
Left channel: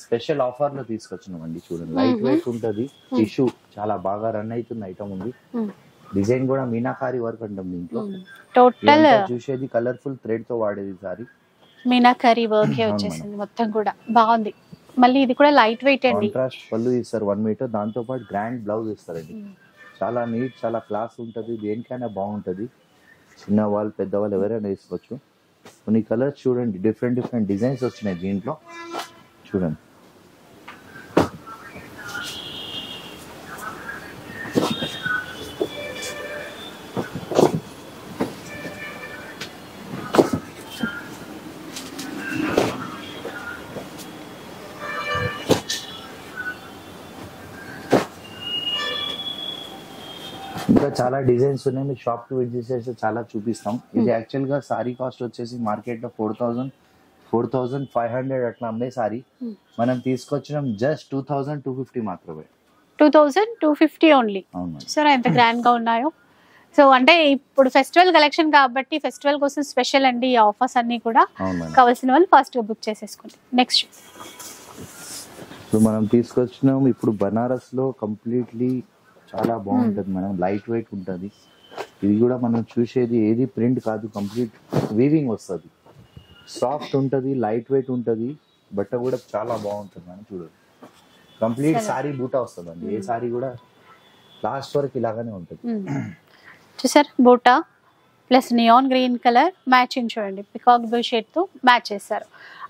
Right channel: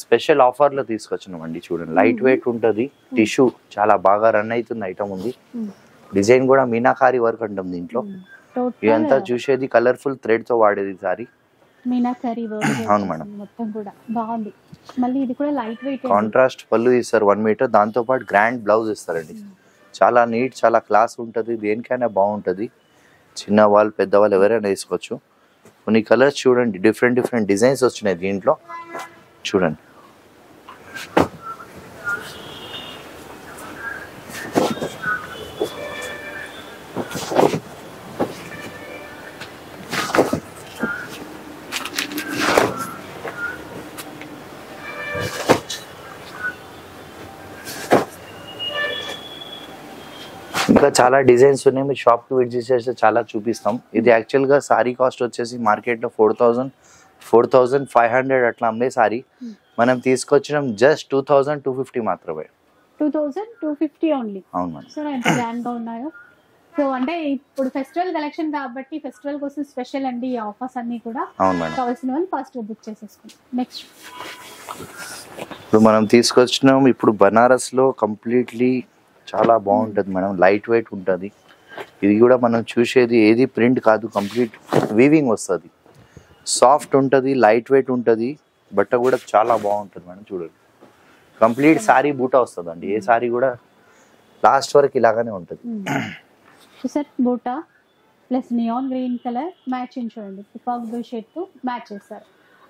స్పెషల్ ఆఫర్ లో తీసుకొచ్చినాం అండి. చూడండి లైట్ వెయిట్ ఉంటుంది, టిష్యూ చాలా బాగా రన్ అవుతుంది ఐటమ్ ఉంది. డిజైన్ కూడా మీనాకారి వర్క్ అంటాం దీంట్లో. ఇదంతా చూసేది కలర్ఫుల్ థ్రెడ్ తో వాడేది సారీ, మీనాకారి వర్క్ మొత్తం కూడా బాగుంది. మళ్ళీ ఇది కూడా లైట్ వెయిట్, కాంట్రాస్ట్ పళ్ళు ఇస్తారు 1 మీటర్, దాంతో పాటు గ్రాండ్ బ్లౌజ్ ఇస్తారండి. చాలా నీట్, చాలా క్లాస్ ఉంటుంది, దేనికైనా బాగుంటుంది. చిన్న వాళ్ళు పెద్ద వాళ్ళు ఎవరైనా వేసుకోవచ్చు. కొన్ని కలర్స్ చూడండి, డిఫరెంట్ డిఫరెంట్ డిజైన్స్ వచ్చినాయి దీంట్లో. చూడండి ఇంకా చాలా డిజైన్స్ ఉన్నాయి, మీరు షాప్ కి విజిట్ చేస్తే చాలా చూపిస్తాం. ఇది యాక్చువల్ గా సారీ కాస్ట్ వచ్చేసి మార్కెట్ లో 4500 అట్లా అమ్మే సారీ మనం తీసుకొచ్చినాం జస్ట్ 2250 మాత్రమే. 2250 ఓన్లీ. అవును, సరే ఎంత గ్రాండ్ గా ఉన్నాయో. సో అంటే ఇప్పుడు ఫెస్టివల్ కలెక్షన్ కాబట్టి ఫెస్టివల్ కోసం స్పెషల్ అండి ఈ ఆఫర్స్ అన్ని కూడా. కావాల్సిన వాళ్ళు ఫాస్ట్ గా బుక్ చేసేసుకోండి. నెక్స్ట్ ఇప్పుడు మనం తీసుకొచ్చినాం, ఇప్పుడు బనారస్ లో కంప్లీట్లీ చాలా బాగుంటుంది మేడం, లైట్ వెయిట్ ఉంటుంది. ఇది కూడా మనం చూసేది ఏది ప్రింట్ కాదు, కంప్లీట్ వీవింగ్ వస్తుంది, సాఫ్ట్ ఉంటుంది, లైట్ వెయిట్ ఉంటుంది. బట్ట కూడా చాలా బాగుంటుంది మేడం. చూడండి కంప్లీట్ సారీ బూటా వస్తుంది అండి. ఏ సారీ కూడా లాస్ట్ వరకు ఇలాగానే ఉంటుంది. చూసారు బూటా plus neon green colour matching చూడండి, పికాక్ బ్లూ షేడ్ తో మ్యాచ్ చేస్తారు.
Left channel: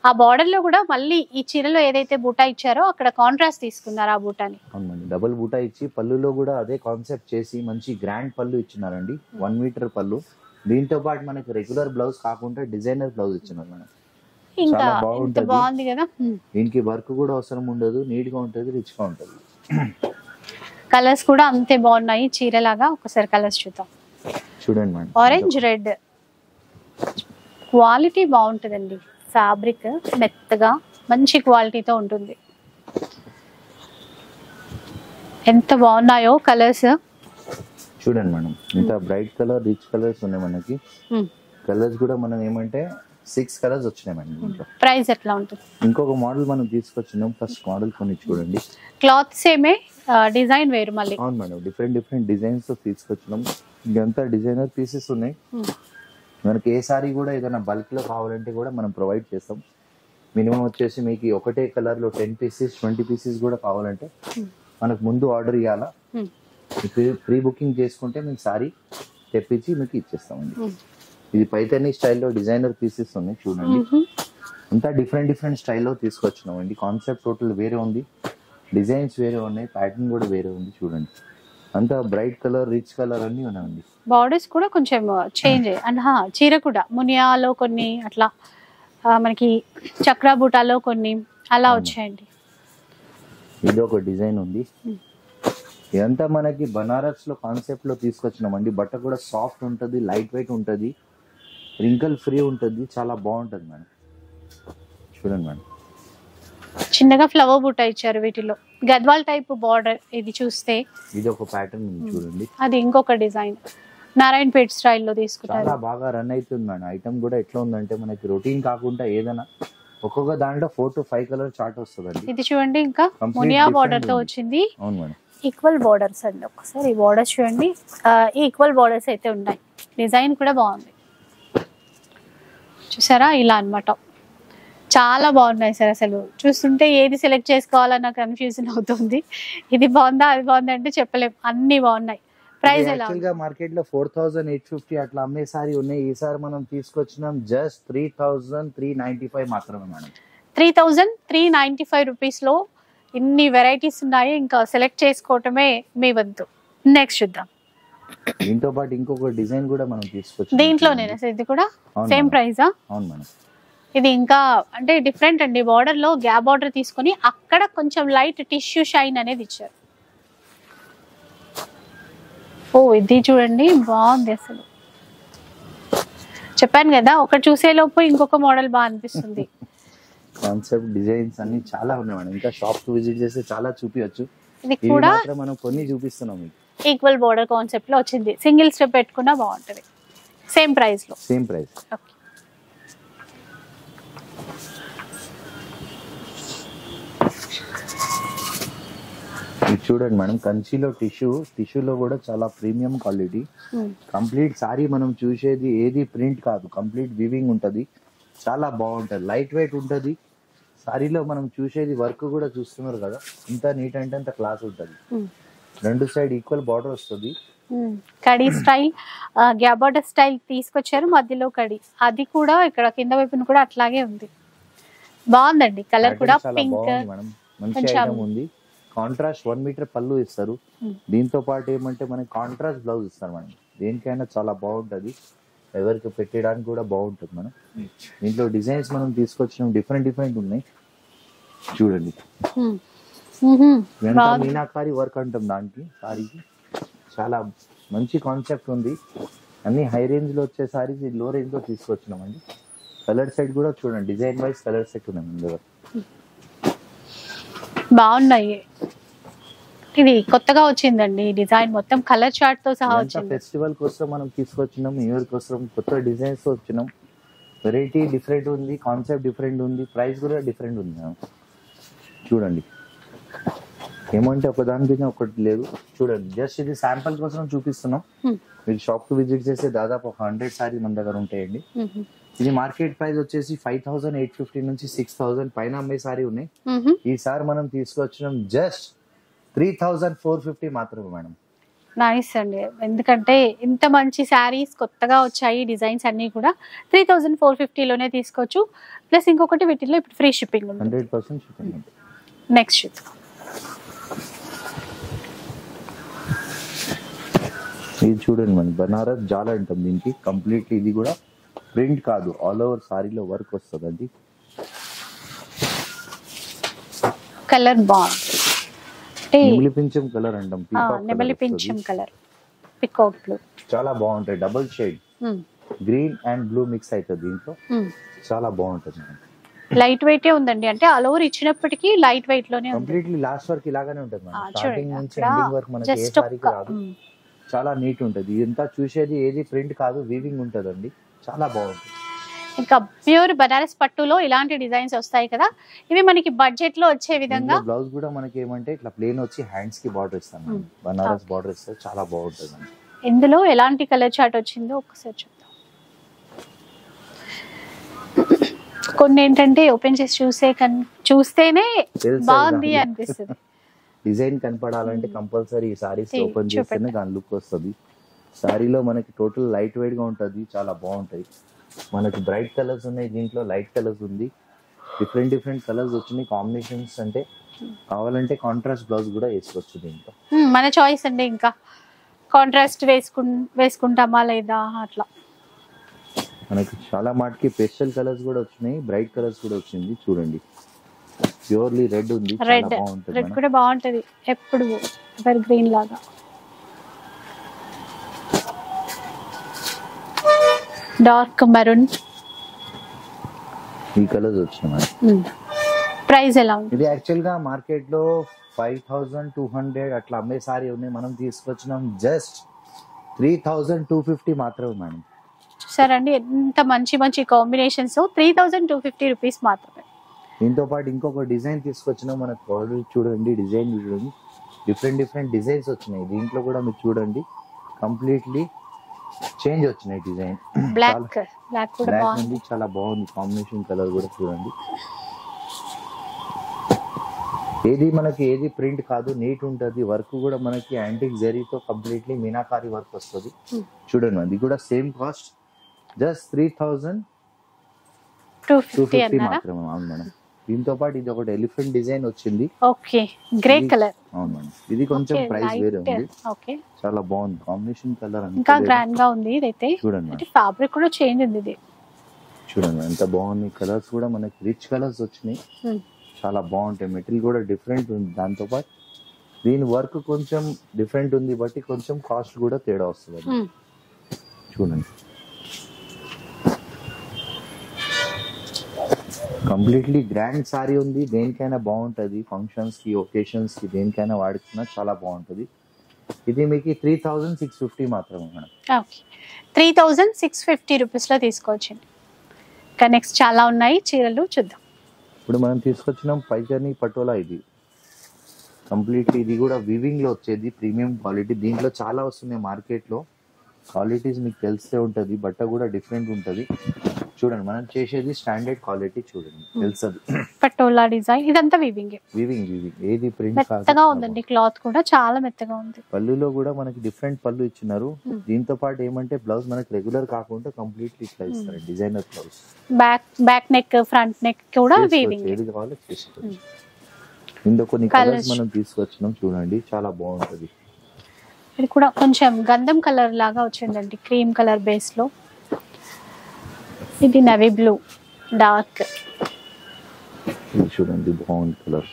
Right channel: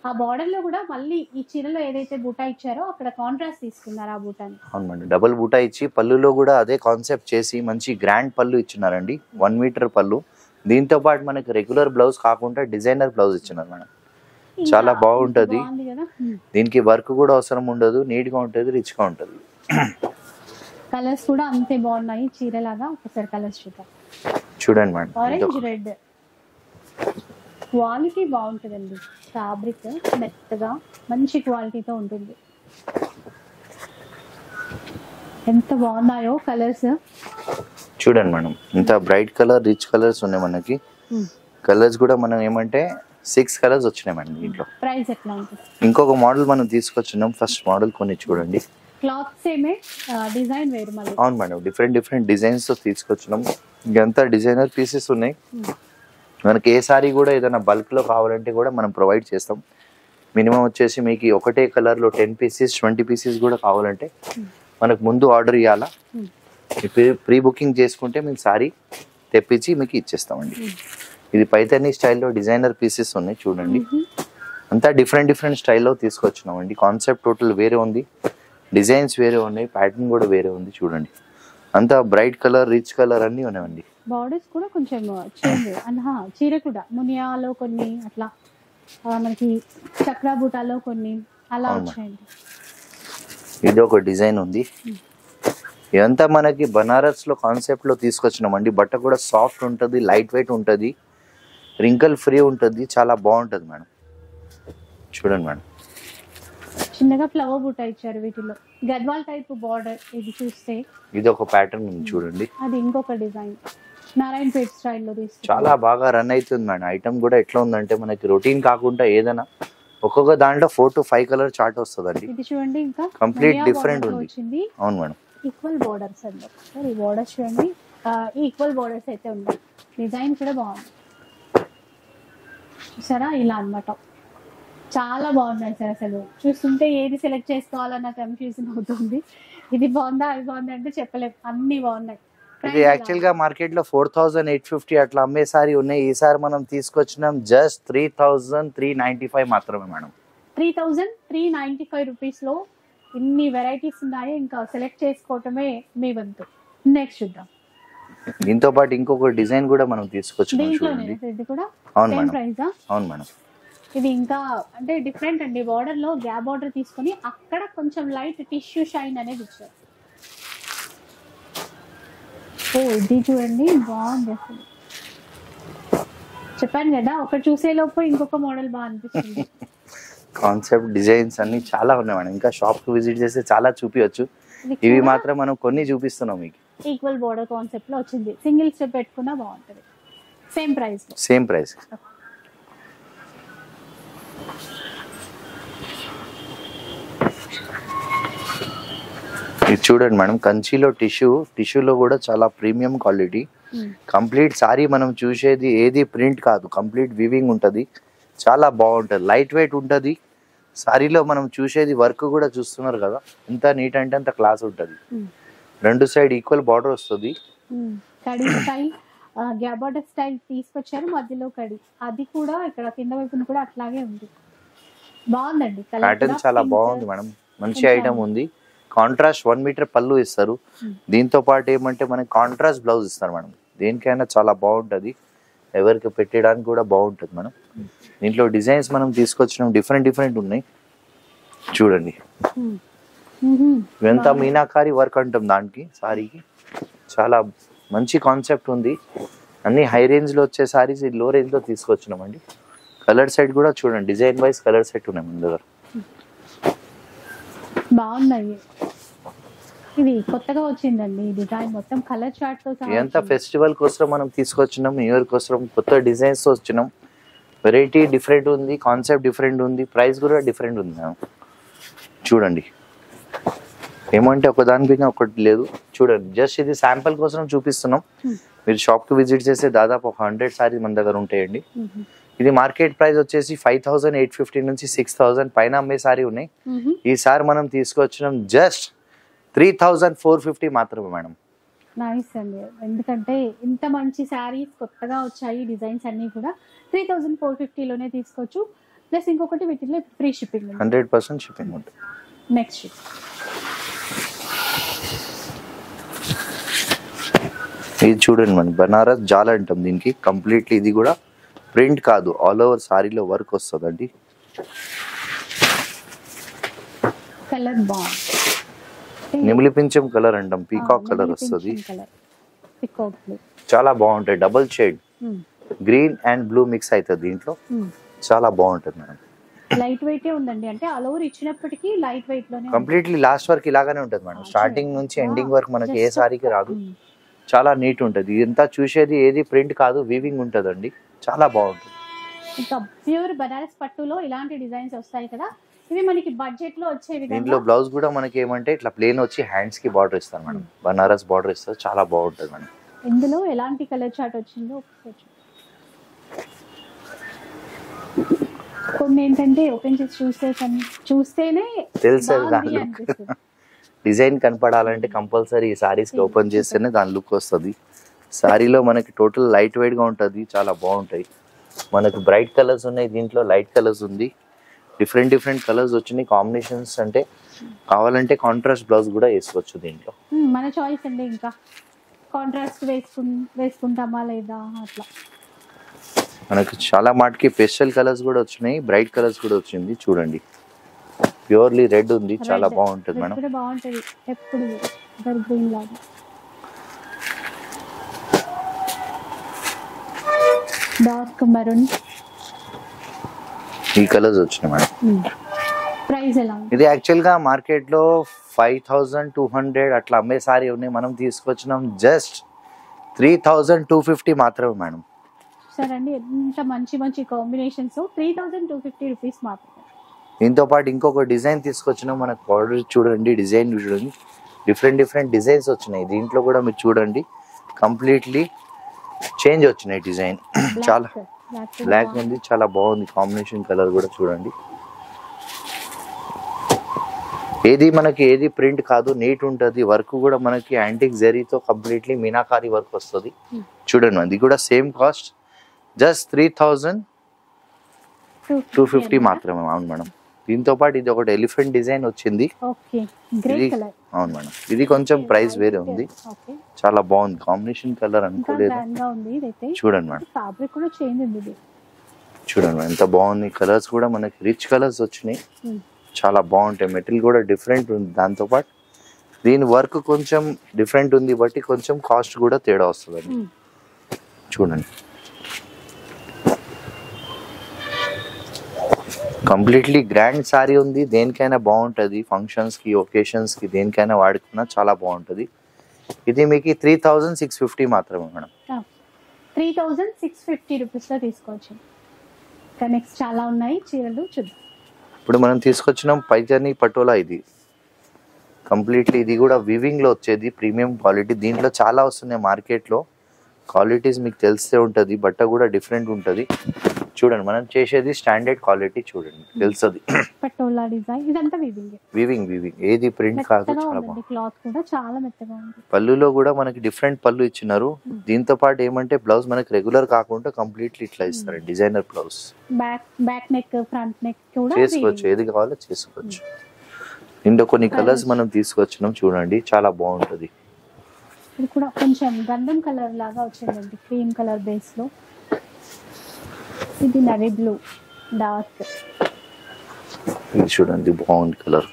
ఆ బార్డర్ లో కూడా మళ్ళీ ఈ చీరలో ఏదైతే బూటా ఇచ్చారో అక్కడ కాంట్రాస్ట్ తీసుకున్నారు ఆ బూటాని. అవునండి, డబుల్ బూటా ఇచ్చి పళ్ళులో కూడా అదే కాన్సెప్ట్ చేసి మంచి గ్రాండ్ పళ్ళు ఇచ్చినారండి, 1 మీటర్ పళ్ళు. దీంతో పాటు మనకి రెగ్యులర్ బ్లౌజ్ కాకుండా డిజైనర్ బ్లౌజ్ ఇచ్చినారు మేడం. చాలా బాగుంటది, దీనికి వర్క్ కూడా అవసరం ఉండదు, నీట్ గా ఉంటది, రిచ్ గా ఉంటది. కలర్స్ కూడా అంతే బాగున్నాయి చీరలాగా. ఒకసారి కలర్స్ చూద్దాం. చూడండి మేడం, ఆరెంజ్ రెడ్ క్వాలిటీ బాగుంటుందండి, ఫ్యాబ్రిక్ మెత్తగా మంచి క్వాలిటీతో ఉంటుంది. ఎంత బాగున్నాయో కలర్స్ చూడండి మేడం, ఇంత బ్రైట్ కలర్, రిచ్ కలర్స్ ఉన్నాయి మనకి. కలర్స్ కూడా మనం ఏమంటే 6 కలర్స్ వచ్చినాయి మేడం దీంట్లో. ప్రైస్ ఎట్లా ఉంటుంది? ఇంకొక మోడల్ మనం తీసుకొచ్చినాం, ఫస్ట్ మోడల్ కొన్ని చూడండి. క్లాత్ సేమే, డిజైన్ వేరు మళ్ళీ. అవును మేడం, డిఫరెంట్ డిఫరెంట్ డిజైన్స్ తో తీసుకొచ్చినాం. ఇంకంతా డిజైనర్ పీసెస్ ఉన్నాయి. మనకి ఏ సారీ కూడా ఏదైనా బల్క్ లో కావాలంటే కూడా మనం ప్రొవైడ్ చేస్తాం. మినిమం వచ్చేసి మీకు ఒకటే కలర్ లో 10 పీసెస్ 20 పీసెస్ కూడా కావాలంటే మనకు ముందు ఆర్డర్ ఇవ్వాలా, ప్రీ బుకింగ్ చేసుకుంటే మేము సారీ తెప్పించి మీకు ఇచ్చేస్తామండి. ఇది పైతని స్టైల్లో డిజైనర్ పీసెస్ ఉన్నాయి చూడండి. అంతా డిఫరెంట్ డిఫరెంట్ స్టైల్లో తీసుకొచ్చినామండి. కాన్సెప్ట్ టోటల్ వేరే ఉంది, డిజైన్స్ వేరే ఉన్నాయి, ప్యాటర్న్ కూడా వేరే ఉంది. చూడండి అంతా బ్రైట్ కలర్, రిచ్ కలర్ అన్నీ ఉన్నాయండి. బార్డర్స్ కూడా కొంచెం చేంజ్ అండ్ చీర కూడా మునియాలో కొన్ని అట్లా, మనకి చక్రా బూటాలో కొన్ని అలా వచ్చాయండి. ఇది ఒక డిజైన్ ఉంది. ఇదంతా మనకి బనారస్ లో కాన్సెప్ట్ లో తీసుకొచ్చినామండి. బట్ట కూడా సాఫ్ట్ ఉంటుంది, లైట్ వెయిట్ ఉంటుంది, రింకల్ ఫ్రీ ఉంటుంది, చాలా బాగుంటుంది మేడం. చూడండి మేడం, చిన్నగా ఫ్లవర్ బూటా ఇచ్చారు వీటిలో. గద్వాల్ టైప్ బార్డర్ ఇది చూస్తే, ఇది ఒక ప్యాటర్న్ ఉంది చూడండి. అది ఇంకొక డిజైన్ నారాయణపేట్ స్టైల్లో తీసుకున్నారు. చాలా బాగా రన్ అవుతుంది మేడం. ఐటమ్ కూడా ఎట్లా ఉందంటే మనకి రొటీన్ కాకుండా ఏదైనా ఒక్కొక్క దాంట్లో 4 to 5 కలర్ చార్ట్ వస్తుందండి. ఇది చూడండి, ఇంకా మునియా బార్డర్ తో వచ్చింది. అవును మేడం, ఈక్వల్ బార్డర్స్ అండి. ఒకసారి ఈ బార్డర్స్ చూడండి, ఈక్వల్ బార్డర్స్ అయితే ఉన్నాయి. డిజైన్ కూడా బాగుంది చూసారా, ఇలా అన్నమాట. చాలా బాగున్నాయి సార్, అసలు చూస్తుంటే ఏది సెలెక్ట్ చేసుకోవాలన్న కన్ఫ్యూజన్ అవుతుంది. ఇది బాగుందా అది బాగుందా అంటే చెప్పలేం, అన్ని బాగున్నాయి. ప్రైస్ యాక్చువల్ గా మార్కెట్ లో 4850 అట్లా అమ్మే సారీ ఉన్నాయి. ఈసారి మనం తీసుకొచ్చినాం జస్ట్ 3395 మాత్రమే మేడం. 3395 రూపీస్ లో ఇన్ని వెరైటీస్ ఉన్నాయి, ఇంకా సెలెక్ట్ చేసుకోవటమే మీ వంతు. నెక్స్ట్ చూద్దాం. దీంతో పాటు ఇంకొక డిజైన్ కూడా మనం తీసుకొచ్చాం. దీంట్లోనేనా సార్ ఇది కూడా సేమ్ ప్రైజా? అవును మేడం. ఇది ఇంకా అంటే డిఫరెంట్ అండి, బార్డర్ లో గ్యాప్ బార్డర్ తీసుకొని అక్కడ కొంచెం లైట్ టిష్యూ షైన్ అనేది ఇచ్చారు. ఓ ఇది చూడండి బాగుంది అసలు. చెప్పాను కదా ఒకటి చూసే లోపు ఇంకొక మోడల్ బాగా అనిపిస్తుంది. కాన్సెప్ట్ డిజైన్స్ అన్ని చాలా ఉన్నాయి మేడం. ఇంకా షాప్ కు విజిట్ చేస్తే చాలా చూపించచ్చు. ఇవి మాత్రం మనం కొన్ని చూపిస్తున్నాం మీకు. ఈక్వల్ బోర్డర్ కాన్సెప్ట్ లో వచ్చింది, సింగిల్ స్టెప్ పెట్టుకున్నా బాగుంటది. సేమ్ ప్రైస్ లో. Same price. ఇది చూడండి మేడం, కంచిలో టిష్యూలో కూడా చాలా ప్రీమియం క్వాలిటీ. కంప్లీట్ సారీ మనం చూసేది ఏది ప్రింట్ కాదు, కంప్లీట్ వివింగ్ ఉంటుంది. చాలా బాగుంటుంది, లైట్ వెయిట్ ఉంటుంది. సారీలో మనం చూసేది వర్క్ కూడా చూస్తున్నారు కదా, ఇంత నీట్ అంటే అంత క్లాస్ ఉంటుంది. రెండు సైడ్ ఈక్వల్ బార్డర్ వస్తుంది. కడి స్టైల్, గ్యాప్ బార్డర్ స్టైల్ తీసుకొచ్చారు, మధ్యలో కడి. అది కూడా ఇక్కడ కింద వైపున కూడా అట్లాగే ఉంది. బాగుందండి కలర్ కూడా. చాలా బాగుంది మేడం, మంచి ఐటమ్ ఉంది. కాంట్రాస్ట్ 1 మీటర్ పళ్ళు ఇస్తారు. దీంతో పాటు ఏమంటే మనకి కాంట్రాస్ట్ బ్లౌజ్ ఇస్తారు మేడం. దేనికైనా చాలా బాగుంటది, ఎవరికి పెట్టడానికి కూడా బాగుంటుంది మేడం. దీంట్లో డిజైన్స్ మనం తీసుకొచ్చినాం, డిఫరెంట్ ఉన్నాయి చూడండి. ఇదంతా మీనాకారి వర్క్ అంటాం దానికి, సారీకి చాలా మంచి కాన్సెప్ట్ ఉంది. అన్ని హై రేంజ్ లో వచ్చే సారీస్ లో రేంజ్ లో తీసుకొచ్చినామండి. కలర్ సెట్ కూడా చూడండి, డిజైన్ వైజ్ కలర్ సెట్ ఉన్నాయి మన దగ్గర. బాగున్నాయి. ఇది కొత్తగా వచ్చిందండి డిజైన్, మొత్తం కలర్ చార్ట్ తో సహా. ఎంత ఫెస్టివల్ కోసం మనం తీసుకొచ్చినాం, న్యూ ఇయర్ కోసం కొత్త డిజైన్స్ తో వచ్చినాం. వెరైటీ డిఫరెంట్ ఉంది, కాన్సెప్ట్ డిఫరెంట్ ఉంది, ప్రైస్ కూడా డిఫరెంట్ ఉంది మేడం. చూడండి ఏమంటే ఒకదాని పైన ఒకటి లేదు. చూడండి జస్ట్ ఇది శాంపుల్ కోసం చూపిస్తున్నాం. మీరు షాప్ కి విజిట్ చేస్తే దాదాపు 100 సారీస్ మన దగ్గర ఉంటాయండి. ఇది మార్కెట్ ప్రైస్ వచ్చేసి 5850 నుంచి 6000 పైన అమ్మే సారీ ఉన్నాయి. ఈసారి మనం తీసుకొచ్చినాం జస్ట్ 3450 మాత్రమే మేడం. నైస్ అండి, ఎందుకంటే ఇంత మంచి శారీస్ కొత్తగా వచ్చాయి, డిజైన్స్ అన్ని కూడా 3450 లోనే తీసుకోవచ్చు. ప్లస్ ఇంకొకటి వీటిలో ఇప్పుడు ఫ్రీ షిప్పింగ్ ఉంది, 100% షిప్పింగ్ ఉంటుంది. నెక్స్ట్ ఇది చూడండి మనం, బనారస్ జాలా అంటాం దీనికి. కంప్లీట్లీ ఇది కూడా ప్రింట్ కాదు, ఆల్ ఓవర్ సారీలో వర్క్ వస్తుందండి. కలర్ బాగుంది, నిమిలిపించం కలర్ అంటాం, పీకాక్ కలర్ వస్తుంది. పీకాక్ బ్లూ చాలా బాగుంటాయి, double shade green and blue mix అవుతుంది దీంట్లో. చాలా బాగుంటుంది మేడం. లైట్ వెయిట్ ఉందండి, అంటే ఆల్ ఓవర్ ఇచ్చినప్పటికీ లైట్ వెయిట్ లోనే కంప్లీట్లీ లాస్ట్ వరకు ఇలాగానే ఉంటుంది మేడం. స్టార్టింగ్ నుంచి ఎండింగ్ వరకు మనకి ఏ సారీకి రాదు, చాలా నీట్ ఉంటుంది. ఇదంతా చూసేది ఏది ప్రింట్ కాదు, వీవింగ్ ఉంటుందండి, చాలా బాగుంటుంది. ఇంకా ప్యూర్ బనారస్ పట్టులో ఇలాంటి డిజైన్స్ వస్తాయి కదా, ఇవి మనకి బడ్జెట్ లో వచ్చే విధంగా. బ్లౌజ్ కూడా మనకి ఏమంటే ఇట్లా ప్లేన్ వచ్చి హ్యాండ్స్ కి బార్డర్ ఇస్తాం మేడం, బనారస్ బార్డర్ ఇస్తారు, చాలా బాగుంటుంది మేడం. ఇందులో ఎలాంటి కలర్ చార్ట్ వచ్చిందో ఒకసారి చూద్దాం. కొన్ని ఏంటంటే ఓపెన్ చేసి చూస్తేనే బాగుంది అనిపిస్తుంది. డిజైన్ కనపడాలంటే కంపల్సరీ ఈ సారీస్ ఓపెన్ చేస్తేనే దాని లుక్ వస్తుంది. సారీలో మనకి టోటల్ లైట్ వెయిట్ గా ఉంటుంది, చాలా బాగుంటాయి. మనకి బ్రైట్ కలర్స్ ఉన్నాయి, దీంట్లో లైట్ కలర్స్ ఉంది, డిఫరెంట్ కలర్స్ వచ్చినాయి కాంబినేషన్స్. అంటే కావాలంటే కాంట్రాస్ట్ బ్లౌజ్ కూడా వేసుకోవచ్చు దీంట్లో, మన చాయిస్ అండి. ఇంకా కాంట్రాస్ట్ వేసుకుంటామా లేదా అట్లా. మనకి చాలా మాటకి పేస్టల్ కలర్స్ కూడా వచ్చినాయి, బ్రైట్ కలర్స్ కూడా వచ్చింది. చూడండి ప్యూర్లీ రెడ్ ఉంది, చాలా బాగుంటుంది మేడం. కూడా బాగుంటది, ఎప్పుడు ఎవర్ గ్రీన్ లాగా. డార్క్ మెరూన్ ఈ కలర్స్ వచ్చినాయి మేడం. ప్రైస్ ఎలా ఉంది? ఇది యాక్చువల్ గా మార్కెట్ లో 5200 అట్లా అమ్మే సారీ ఉన్నాయి, మనం తీసుకొచ్చినాం జస్ట్ 3250 మాత్రమే మేడం. చూసారండి ఎంత మంచి కాంబినేషన్స్, 3250 రూపీస్ మాత్రమే. దీంతో పాటు ఇంకొక డిజైన్ తీసుకొచ్చినాం, మనకు బార్డర్ చూడండి, డిజైన్ చూడండి, డిఫరెంట్ డిజైన్స్ వచ్చినాయి. దీంట్లో కూడా మీరు చూడండి కంప్లీట్లీ చేంజ్ వచ్చినాయి డిజైన్. చాలా బ్లాక్ ఉంది, చాలా బాగుంది కాంబినేషన్. కలర్ కూడా చూడండి, ఏది ప్రింట్ కాదు, నీట్ ఉంటుంది. వర్క్ కూడా మనకి యాంటిక్ జరీతో కంప్లీట్లీ మీనాకారి వర్క్ వస్తుంది. చూడండి అది కూడా సేమ్ కాస్ట్, జస్ట్ 3250 మాత్రమే. అవును మేడం, దీంతో పాటు ఇది ఒకటి ఎలిఫెంట్ డిజైన్ వచ్చింది. ఓకే, గ్రే ఇది- కలర్. అవును మేడం, ఇది కొంచెం Okay, ప్రైస్ light. వేరే ఉంది. ఓకే, చాలా బాగుంది కాంబినేషన్ కలర్ ఇంకా అనుకోలేదు. గ్రాండ్ గా ఉంది ఇదైతే. చూడండి మేడం, ఫ్యాబ్రిక్ కూడా చేంజ్ ఉంది ఇది. చూడండి మేడం ఎంత బాగుంది. కలర్స్ కూడా మనకి రిచ్ కలర్స్ వచ్చినాయి, చాలా బాగుంటాయి. మెటీరియల్ కూడా డిఫరెంట్ ఉంది. దాంతో పాటు దీని వర్క్ కొంచెం డిఫరెంట్ ఉంది బట్టి కొంచెం కాస్ట్ కూడా తేడా వస్తుంది. చూడండి కంప్లీట్లీ గ్రాండ్ సారీ ఉంది. దేనికైనా బాగుంటుంది, ఫంక్షన్స్ కి ఒకేషన్స్ కి దేనికైనా వాడుకున్నా చాలా బాగుంటుంది. ఇది మీకు 3650 మాత్రమే మేడం. ఓకే, 3650 రూపీస్లో తీసుకోవచ్చు. ఇంకా నెక్స్ట్ చాలా ఉన్నాయి చీరలు, చూద్దాం. ఇప్పుడు మనం తీసుకొచ్చినాం పైజానీ పటోలా. ఇది కంప్లీట్లీ ఇది కూడా వివింగ్ లో వచ్చేది, ప్రీమియం క్వాలిటీ. దీంట్లో చాలా వస్తున్నాయి మార్కెట్ లో, క్వాలిటీస్ మీకు తెలిసే ఉంటది. బట్ట కూడా డిఫరెంట్ ఉంటది. చూడండి మనం చేసేది స్టాండర్డ్ క్వాలిటీ, చూడండి తెలుస్తుంది. పటోలా డిజైన్ ఇదంతా వివింగ్, వివింగ్ ఏది ప్రింట్ కాదు. మెత్తగా ఉందండి, క్లాత్ కూడా చాలా మెత్తగా ఉంది. పళ్ళులో కూడా మనకి డిఫరెంట్ పళ్ళు ఇచ్చినారు. దీంతో పాటు ఏమంటే బ్లౌజ్ మనకి రెగ్యులర్ కాకుండా కంప్లీట్లీ ఇట్లా ఇస్తారు, designer blouse. Back neck, front neck కూడా చేసుకోవచ్చు, ఏది కావాలో చేసుకోవచ్చు. ఇందులో కొన్ని కలర్స్ మనం తీసుకొచ్చినాం, చూడండి చాలా బాగుంటది. ఇది కూడా కొంచెం గంధం కలర్ లాగా వచ్చిందండి, క్రీమ్ కలర్ బేస్ లో. ఇది నవీ బ్లూ డార్క్. ఇది చూడండి బాగుంది కలర్.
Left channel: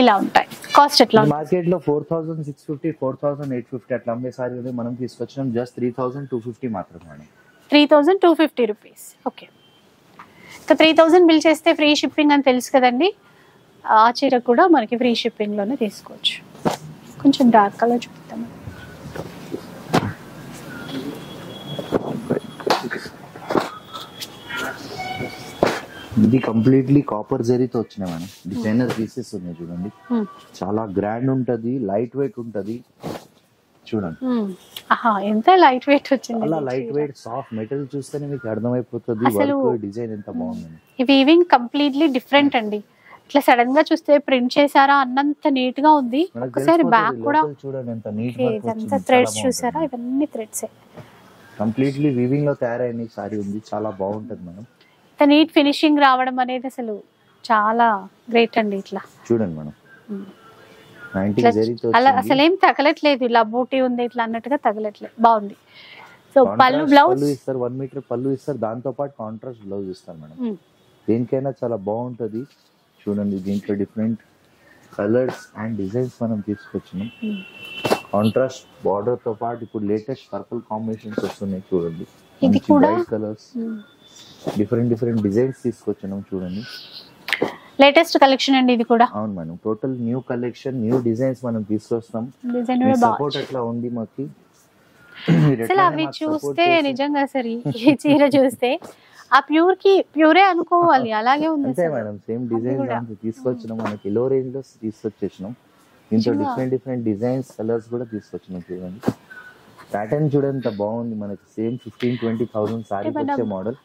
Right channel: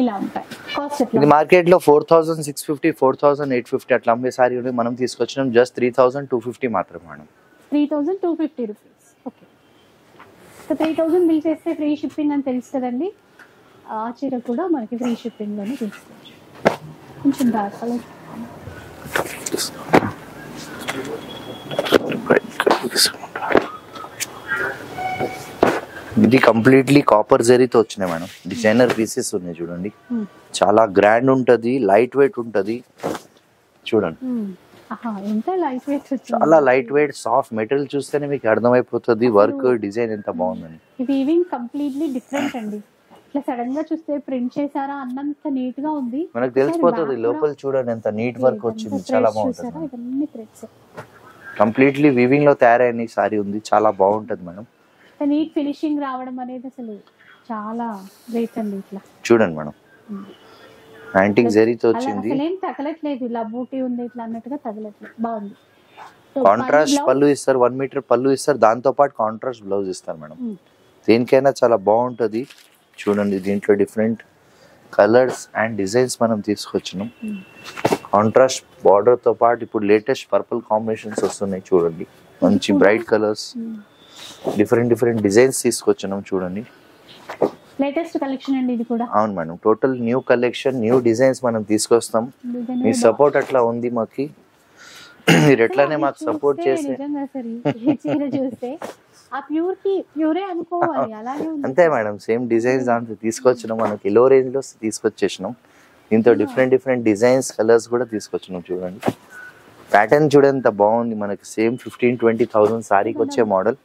ఇలా ఉంటాయి. కాస్ట్ ఎట్లా? మార్కెట్ లో 4650, 4850 అట్లా అమ్మే సారీ ఉంది. మనం తీసుకొచ్చినాం జస్ట్ 3250 మాత్రమే మేడం. 3250 రూపీస్. ఓకే, ఇంకా 3000 బిల్ చేస్తే ఫ్రీ షిప్పింగ్ అని తెలుసు కదండి. ఆ చీర కూడా మనకి ఫ్రీ షిప్పింగ్ లోనే తీసుకోవచ్చు. కొంచెం డార్క్ కలర్ చూద్దాం. ఇది కంప్లీట్లీ కాపర్ జరీతో వచ్చినాయి మేడం. డిజైనర్ పీసెస్ ఉన్నాయి చూడండి, చాలా గ్రాండ్ ఉంటది, లైట్ వెయిట్ ఉంటది. చూడండి ఎంత లైట్ వెయిట్ వచ్చింది, చాలా లైట్ వెయిట్ సాఫ్ట్ మెటీరియల్. చూస్తేనే మీకు అర్థమైపోతుంది వర్క్ డిజైన్ ఎంత బాగుందని. ఈ వీవింగ్ కంప్లీట్లీ డిఫరెంట్ అండి. ఇట్లా సడన్ గా చూస్తే ప్రింట్ చేశారా అన్నంత నీట్ గా ఉంది. మనకు తెలిసిపోతుంది లోపల. చూడండి ఎంత నీట్ వర్క్ వచ్చింది, చాలా థ్రెడ్స్ చూసారా, ఇవన్నీ థ్రెడ్స్. కంప్లీట్లీ వీవింగ్ లో తయారైన సారీ ఉంది, చాలా బాగుంటది మేడం. నీట్ ఫినిషింగ్ రావడం అనేది అసలు చాలా గ్రేట్ అండి. ఇట్లా చూడండి మేడం, యాంటిక్ జరీతో వచ్చింది. అసలు ఏం తగలట్లేదు, ఇలా బూటీ ఉంది ఇట్లా అన్నట్టుగా తగలట్లేదు, బాగుంది. సో కాంట్రాస్ట్ పళ్ళు ఇస్తారు, 1 మీటర్ పళ్ళు ఇస్తారు. దాంతో పాటు కాంట్రాస్ట్ బ్లౌజ్ ఇస్తారు మేడం. దేనికైనా చాలా బాగుంటది. చూడండి దీంట్లో డిఫరెంట్ కలర్స్ అండ్ డిజైన్స్ మనం తీసుకొచ్చినాం. కాంట్రాస్ట్ బార్డర్ తో పాటు ఇప్పుడు లేటెస్ట్ పర్పుల్ కాంబినేషన్స్ వస్తున్నాయి చూడండి. మంచి బ్రైట్ కలర్స్, డిఫరెంట్ డిజైన్స్ తీసుకొచ్చినాం చూడండి. లేటెస్ట్ కలెక్షన్ అండి ఇది కూడా. అవును madam, total new collection, new designs మనం తీసుకొస్తాం. మీ సపోర్ట్ అట్లా ఉంది మాకు. మీరు ఎట్లానే మాకు సపోర్ట్ చేస్తే నిజంగా సరే ఈ చీర చూస్తే ఆ ప్యూర్ కి ప్యూరే అనుకోవాలి, అలాగే ఉంది. అంతే మేడం, సేమ్ డిజైన్స్ దాంట్లో తీసుకొచ్చినాం. మనకి లో రేంజ్ లో తీసుకొచ్చేసినాం. దీంతో డిఫరెంట్ డిజైన్స్, కలర్స్ కూడా తీసుకొచ్చినాం. చూడండి ప్యాటర్న్ చూడండి ఎంత బాగుంది. మనకి సేమ్ 15-20,000 సారీకి వచ్చే మోడల్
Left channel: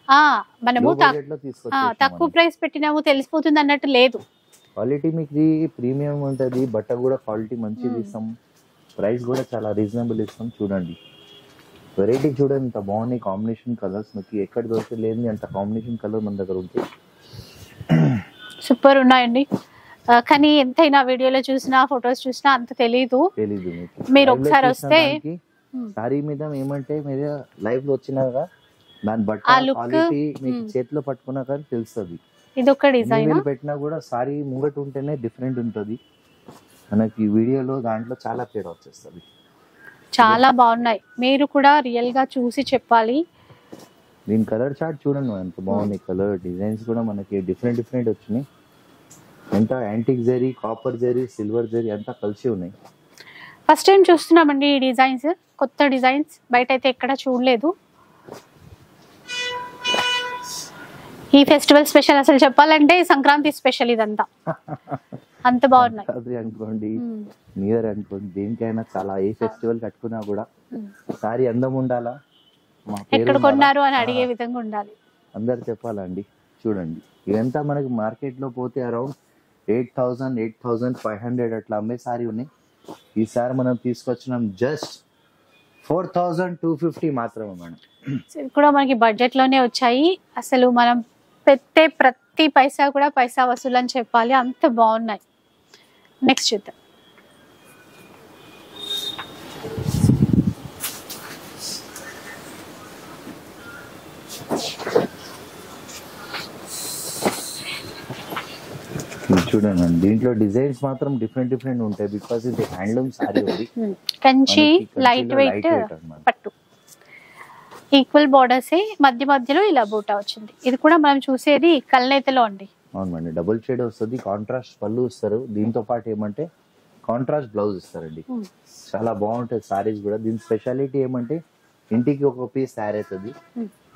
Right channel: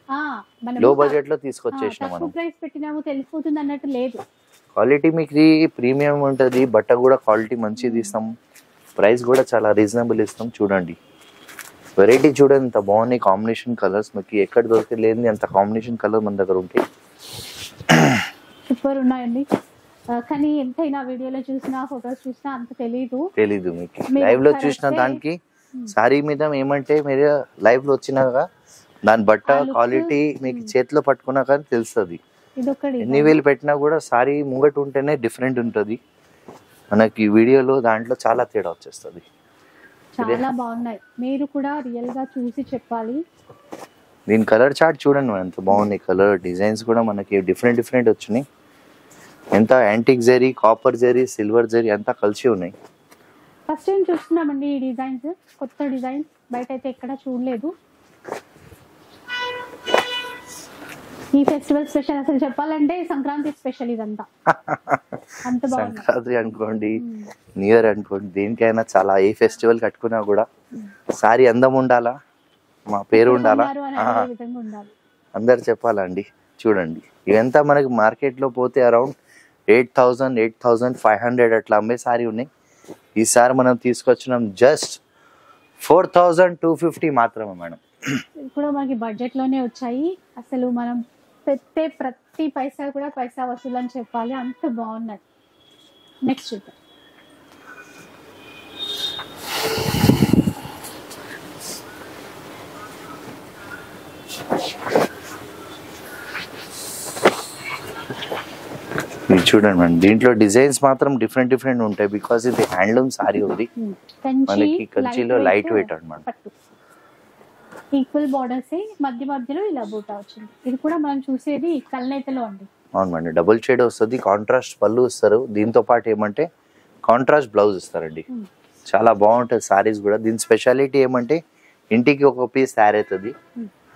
లో బడ్జెట్ లో తీసుకొచ్చేసినాం. తక్కువ ప్రైస్ పెట్టినాము తెలిసిపోతుంది అన్నట్టు లేదు. క్వాలిటీ మీకు ప్రీమియం ఉంటది, బట్ట కూడా క్వాలిటీ మంచిది ఇస్తాం. ప్రైస్ కూడా చాలా రీజనబుల్ ఇస్తాం. చూడండి వెరైటీ చూడండి ఎంత బాగున్నాయి కాంబినేషన్ కలర్స్. మీకు ఎక్కడ దొరకలేదు అంత కాంబినేషన్ కలర్ మన దగ్గర ఉంటాయి. సూపర్ ఉన్నాయండి. కానీ ఎంతైనా వీడియోలో చూసినా ఫొటోస్ చూసినా అంత తెలీదు మీకు లైవ్ లో చూసిన దానికి. సారీ మీద ఏమంటే మీరు లైవ్ లో వచ్చినాక దాని బట్ట క్వాలిటీ మీకు చేతిలో పట్టుకున్నా కానీ తెలుస్తుంది. ఇది ఒక డిజైన్ వేలు పెట్టినా కూడా సారీ ముంగట ఉంటేనే డిఫరెంట్ ఉంటది. మనకి వీడియోలో దాంట్లో చాలా తేడా వచ్చేస్తుంది. చాలా బాగున్నాయి, మీరు కూడా రియల్ గా చూసి చెప్పాలి. దీని కలర్ చార్ట్ చూడండి ఎంత బాగున్నాయి. కలర్ డిజైన్స్ కూడా మనకి డిఫరెంట్ వచ్చినాయి. ఎంత antique zari, copper zari, silver zari అంతా కలిసి ఉన్నాయి. ఫస్ట్ టైం చూస్తున్నామండి ఈ డిజైన్స్, కొత్త డిజైన్స్, బయట అయితే ఎక్కడ చూడలేదు. ఈ ఫెస్టివల్ స్పెషల్ అసలు చెప్పాలంటే సంక్రాంతి స్పెషల్ ఇదంతా. అంత బాగుంది. సంక్రాంతి అనుకోండి, న్యూ ఇయర్ అనుకోండి, దేనికైనా చాలా ఏ ఫెస్టివల్ కట్టుకున్నా కూడా సారీ అందం ఉండాలా, మా పేరు ఉండాలి అని అడిగే విధంగా ఉండాలి, అందరు చెప్పాలండి. చూడండి ఇవంతా మనకి మార్కెట్ లో పోతే అరౌండ్ 8,000, 8,500 అట్లా అమ్మే సారీ ఉన్నాయి. ఈసారి మనం తీసుకొచ్చినాం జస్ట్ 4250 మాత్రమే మేడం. ఇవి కూడా మనకి బడ్జెట్ లోనే వచ్చాయి. అసలు మనం పెట్టే ప్రతి పైసా కూడా పైసా వసూలు అని చెప్పాలి, అంత బాగున్నాయి. నెక్స్ట్ చూద్దాం. ఇది చూడండి మేడం, దీంట్లో డిజైన్స్ మాత్రం డిఫరెంట్ ఉంటాయి బికాస్ ఇది హ్యాండ్లూమ్ సారీ ఉంది. Kanchi light light weight weight అన్నమాట. పట్టు ఈక్వల్ బార్డర్స్ మధ్యలో ఇలా బూటా వచ్చింది. ఇది కూడా మనం చూసేది కల్నేతలో అండి. అవును మేడం, డబుల్ షేడ్ వస్తుంది, కాంట్రాస్ట్ పళ్ళు ఇస్తారు, దీంతో పాటు ఏమంటే కాంట్రాస్ట్ బ్లౌజ్ ఇస్తారండి. చాలా బాగుంటుంది సారీస్ కూడా. దీని స్పెషాలిటీ ఏమంటే ఇంటికి ఒక పీస్ తయారు అవుతుంది,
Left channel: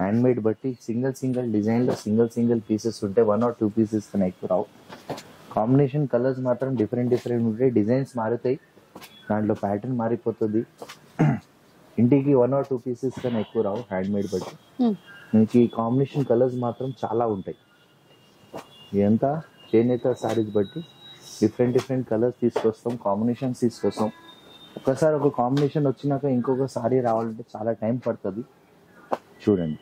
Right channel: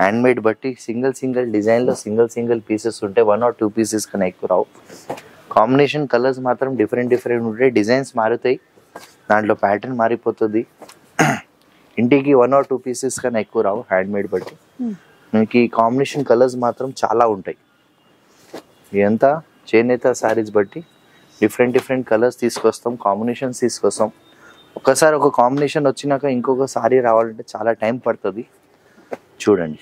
హ్యాండ్ మేడ్ బట్టి సింగిల్ డిజైన్ లో సింగిల్ పీసెస్ ఉంటాయి, 1 or 2 పీసెస్ కన్నా ఎక్కువ రావు. కాంబినేషన్ కలర్స్ మాత్రం డిఫరెంట్ ఉంటాయి, డిజైన్స్ మారుతాయి, దాంట్లో ప్యాటర్న్ మారిపోతుంది. ఇంటికి 1 or 2 పీసెస్ కన్నా ఎక్కువ రావు హ్యాండ్ మేడ్ బట్టి. మీకు ఈ కాంబినేషన్ కలర్స్ మాత్రం చాలా ఉంటాయి. ఇదంతా చేనేత సారీస్ బట్టి డిఫరెంట్ కలర్స్ తీసుకొస్తాం, కాంబినేషన్స్ తీసుకొస్తాం. ఒకసారి ఒక కాంబినేషన్ వచ్చినాక ఇంకొక సారీ రావాలంటే చాలా టైం పడుతుంది. చూడండి,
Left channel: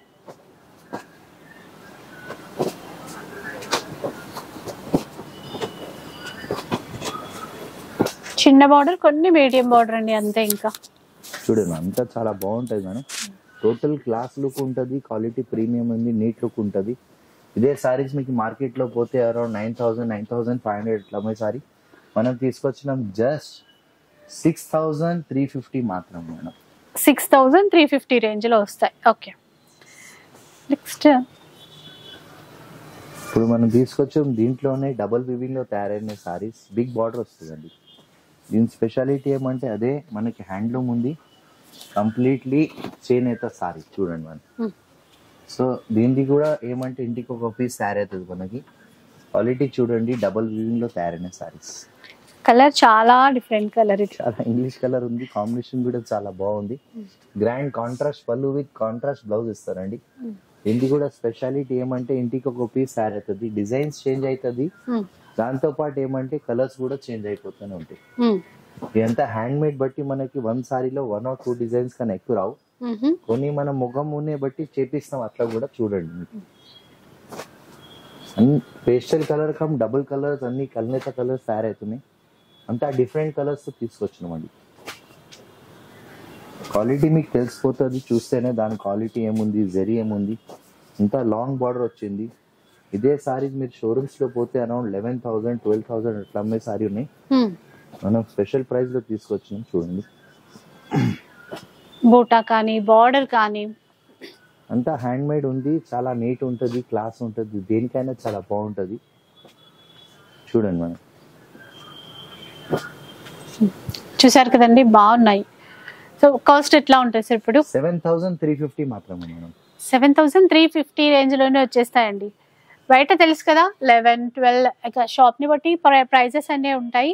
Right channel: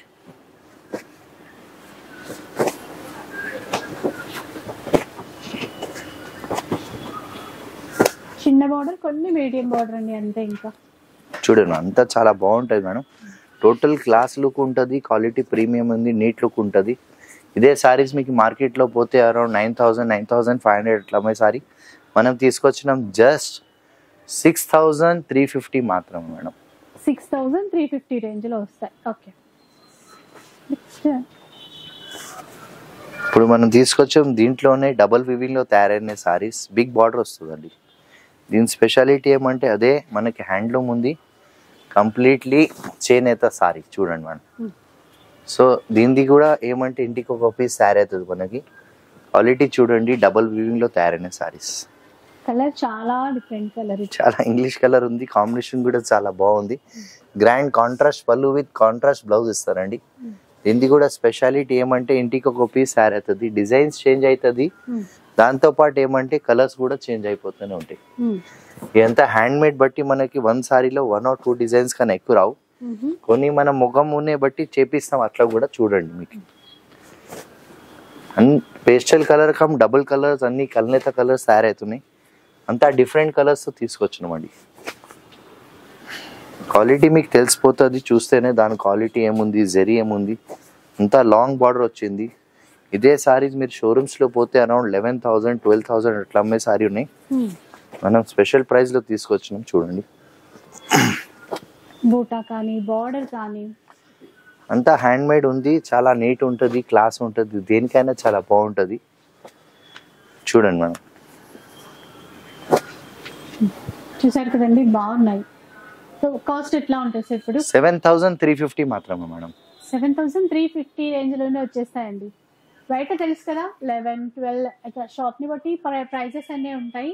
చిన్న బార్డర్, కొన్ని మీడియం బార్డర్ అండి, అంతే. ఇంకా చూడండి, అంతా చాలా బాగుంటుంది మేడం. టోటల్ క్లాస్ లుక్ ఉంటుంది, క్వాలిటీ ప్రీమియం ఉంది, నీట్ లుక్ ఉంటుంది. ఇదే సారీస్ మీకు మార్కెట్లో పోతే అరౌండ్ 9000, 9500 అట్లా అమ్మే సారీ మనం తీసుకొచ్చినాం జస్ట్ 6350 మాత్రం మేడం. 6350 రేంజ్ లో వస్తాయి. ఓకే, నెక్స్ట్ ఇప్పుడు మనం తీసుకొచ్చాం దీంట్లోనే డబుల్ వివింగ్ లో తయారైన సారీస్, బిగ్ బార్డర్ వస్తుందండి. దీని స్పెషాలిటీ ఏమంటే అదే మనకి హ్యాండ్లూమ్ ఉంది, కంప్లీట్లీ చేనేత సారీ. చూడండి మేడం, సో దీనిది కూడా ఏమంటే ఇంటికి ఒక పీస్ తయారు అవుతుంది మనకి. క్వాలిటీ చూడండి, డబుల్ వివింగ్ లో తయారైన సారీస్. కలర్ చాలా డిఫరెంట్ కలర్, చాలా ఇంగ్లీష్ కలర్ ఉంది, కాంబినేషన్ కూడా చాలా బాగుంది. గ్రాండ్ కాంట్రాస్ట్ పళ్ళు విత్ కాంట్రాస్ట్ బ్లౌజ్ ఇస్తారండి. దీనిది కూడా స్పెషాలిటీ ఏమంటే ఇంటికి ఒక పీస్ తయారు అవుతుంది, డిజైన్స్ చేంజ్ అవుతుంది, దాంతో పాటు ఏమంటే కలర్స్ కూడా చేంజ్ అయిపోతూనే ఉంటాయి. ఇదంతా హ్యాండ్ మేడ్ బట్టి మనకి 1 సారీలో 1 or 2 డిజైన్స్ కన్నా ఎక్కువ రావు. కొన్ని మనం ముఖం ఉన్నే బట్టి చేపిస్తాం, అట్లా కూడా చూడండి. మీకు pastel colour come double colours అన్ని కల్నేత కలర్స్ తయారవుతున్నాయి, అంతా డిఫరెంట్ కలర్స్ తీసుకొచ్చినామండి. క్వాలిటీ మీకు తెలిసిపోతుంది చూస్తేనే, దాని క్వాలిటీ ఏముంది, జరీ ఏముంది. అంతా లాంగ్ బార్డర్ వచ్చింది. ఇదే సారీస్ మీరు షోరూమ్స్ లో పోతే అరౌండ్ 11,000, 12,000 అట్లా అమ్మే సారీ ఉన్నాయి. మనం స్పెషల్ ప్రైస్ లో తీసుకొచ్చినాం. చూడండి, బూటా కానీ బార్డర్ కానీ అంతా హ్యాండ్ మేడ్ ఉంది, చాలా నీట్ ఉంటుంది, క్లాస్ ఉంటుంది, దేనికైనా చాలా బాగుంటుంది. చూడండి మనం, చూసారు కదండి, బాగున్నాయి. సో కాస్ట్ ఎట్లా ఉంటుంది సార్? ఇప్పుడు 7350 మాత్రమే మేడం. 7350 రేంజ్ లోనే వచ్చేస్తాయండి. బయట తెలుసు కదా 11, 12 షాప్ ని బట్టి ప్రైజెస్ అన్నీ ఉంటాయి.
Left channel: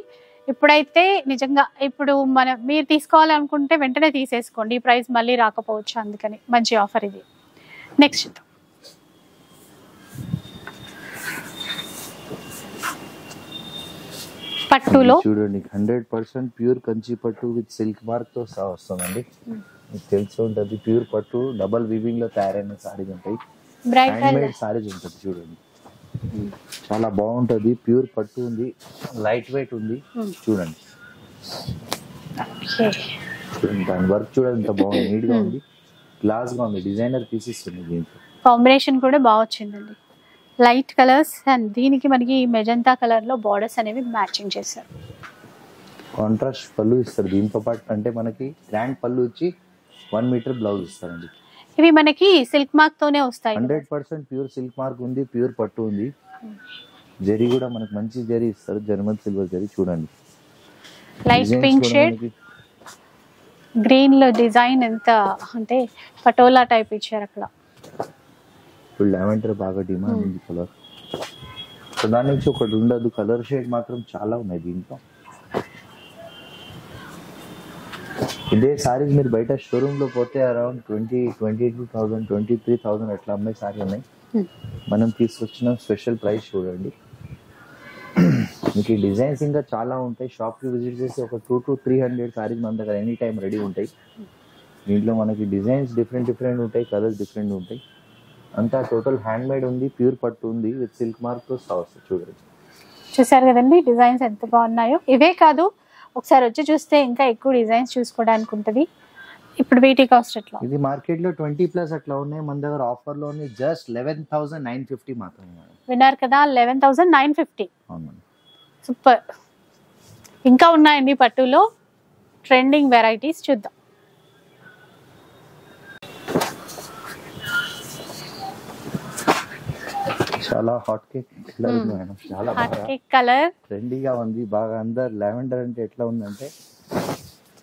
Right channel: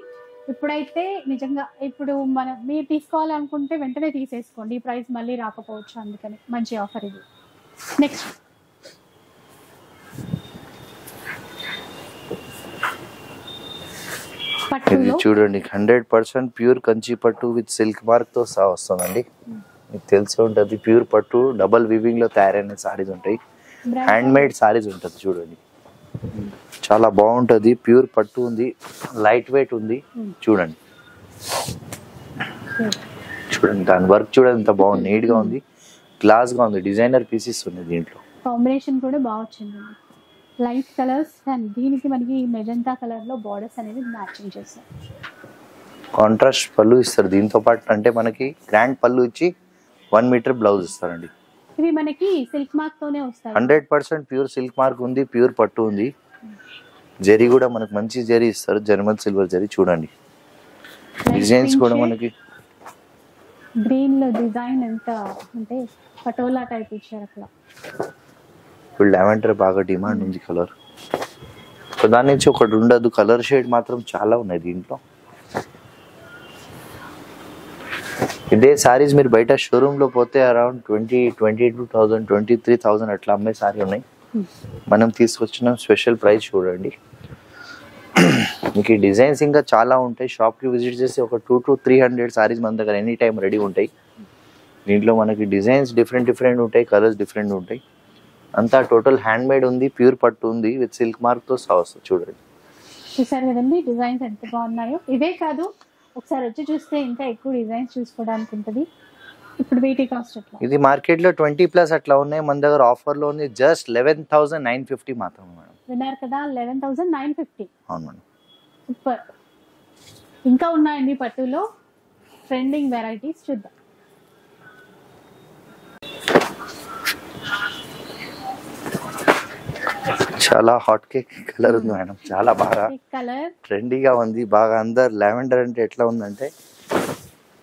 ఇప్పుడైతే నిజంగా ఇప్పుడు మీరు తీసుకోవాలనుకుంటే వెంటనే తీసేసుకోండి, ఈ ప్రైస్ మళ్ళీ రాకపోవచ్చు, అందుకని మంచి ఆఫర్ ఇది. నెక్స్ట్ పట్టులో చూడండి, 100% ప్యూర్ కంచి పట్టు విత్ సిల్క్ మార్క్ తో సహా వస్తుందండి. మీకు తెలిసి ఉంటుంది, ప్యూర్ పట్టు డబల్ వివింగ్ లో తయారైన సారీస్ ఉంటాయి, హ్యాండ్ మేడ్ సారీస్ ఉంటుంది. చూడండి, చాలా బాగుంటది, ప్యూర్ పట్టు ఉంది, లైట్ వెయిట్ ఉంది. చూడండి దాని వర్క్ చూడండి ఎంత బాగుంది, నీట్ గా ఉంది, గ్లాస్ గా ఉంది, డిజైనర్ పీసెస్ ఉన్నాయి. దీంట్లో కాంబినేషన్ కూడా బాగా వచ్చిందండి, లైట్ కలర్స్, అండ్ దీనికి మనకి మెజంతా కలర్ లో బార్డర్స్ అనేవి మ్యాచింగ్ చేశారు. కాంట్రాస్ట్ పళ్ళు ఇస్తారు దీంతో పాటు, అంటే మనకి గ్రాండ్ పళ్ళు ఇచ్చి 1 మీటర్ బ్లౌజ్ ఇస్తారండి. ఇవి మనకి సిల్క్ మార్క్ తోనే వస్తాయి. 100% ప్యూర్ సిల్క్ మార్క్ ఉంది, ప్యూర్ పట్టు ఉంది. జరీ కూడా మనకు మంచి జరీ ఇస్తారు, జర్మన్ సిల్వర్ జరీ. చూడండి, డిజైన్స్ కూడా మనకి గ్రీన్ లో డిజైన్ ఎంత అంటే పటోలా టైప్ ఇచ్చారు అక్కడ. ఇప్పుడు లావెండర్ బాగా డిమాండ్ ఉంది కలర్, సో దాని నుంచి ఒకటి ఉండదు, కలర్ షేడ్ మాత్రం చాలా ఉన్నాయి దీంట్లో. ఇదే సారీస్ మీరు బయట షోరూమ్ లో పోతే అరౌండ్ 22,000, 23,000 అట్లా అమ్మే సారీ ఉన్నాయి. మనం తీసుకొచ్చిన స్పెషల్ ప్రైస్ చూడండి. మీకు ఈ డిజైన్స్ ఇంకా చాలా ఉంటాయి, షాప్ కి విజిట్ చేసి ఒక 200 to 300 సారీస్ మన దగ్గర ఎనీ టైం రెడీ ఉంటాయి. దీంట్లో మనకి డిజైన్స్ డిఫరెంట్ ఉంటాయి, కలర్స్ డిఫరెంట్ ఉంటాయి. అంతా టోటల్ హ్యాండ్ మేడ్ ఉంది, ప్యూర్ పట్టు ఉంది విత్ సిల్క్ మార్క్ తో వస్తుంది. చూడండి, చూసారు కదండి డిజైన్స్ ఎంత బాగున్నాయో. ఇవే కాదు, ఒకసారి వచ్చి చూస్తే ఇంకా ఎక్కువ డిజైన్స్ చూసుకోవడానికి ఉంటుంది. ఇప్పుడు వీటి కాస్ట్ ఎట్లా? ఇది మార్కెట్ లో 20+ అట్లా ఉన్నాయి, మన దగ్గర ఆఫర్ లో ఉంది జస్ట్ 11,950 మాత్రమే మేడం. విన్నారు కదా, 11,950. అవును మేడం, సూపర్. ఇంకా ఉన్నాయండి పట్టులో ట్రెండింగ్ వెరైటీస్, చూద్దాం. చాలా హాట్ కేక్ కలర్ ఉంది మేడం, చాలా బాగా కలర్ ట్రెండీగా ఉంది. బాగా అందరు లావెండర్ అంటే ఎట్లా ఉందంటే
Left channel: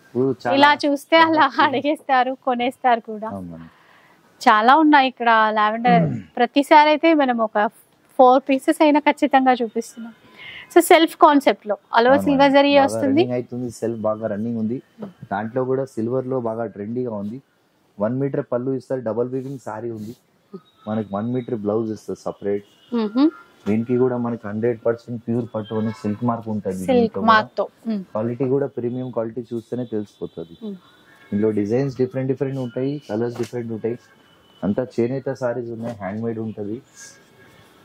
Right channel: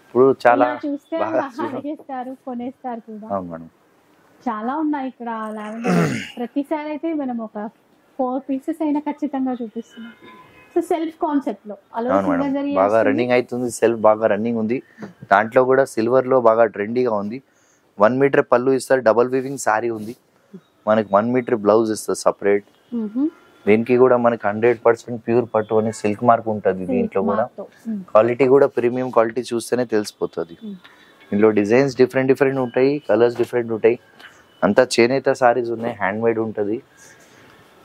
ఇప్పుడు చాలా ఇలా చూస్తే అలా అడిగేస్తారు, కొనేస్తారు కూడా. అవును మేడం, చాలా ఉన్నాయి ఇక్కడ లావెండర్. ప్రతిసారి అయితే మనం ఒక 4 పీసెస్ అయినా ఖచ్చితంగా చూపిస్తున్నాం. సో సెల్ఫ్ కాన్సెప్ట్ లో అలో సిల్వర్ జరీ వస్తుంది, రన్నింగ్ అవుతుంది. సెల్ఫ్ బాగా రన్నింగ్ ఉంది. దాంట్లో కూడా సిల్వర్ లో బాగా ట్రెండీగా ఉంది. 1 మీటర్ పళ్ళు ఇస్తారు, డబుల్ వీవింగ్ సారీ ఉంది. మనకి 1 మీటర్ బ్లౌజ్ ఇస్తారు సపరేట్. దీనికి కూడా మనకి 100% ప్యూర్ పట్టు అని సిల్క్ మార్క్ ఉంటుంది. దీంట్లో కూడా క్వాలిటీ కూడా ప్రీమియం క్వాలిటీ చూస్తేనే తెలిసిపోతుంది. ఇందులో డిజైన్స్ డిఫరెంట్ ఉంటాయి, కలర్స్ డిఫరెంట్ ఉంటాయి. అంతా చేనేత సారీస్ ఉన్నాయి, హ్యాండ్ మేడ్ ఉంటుంది.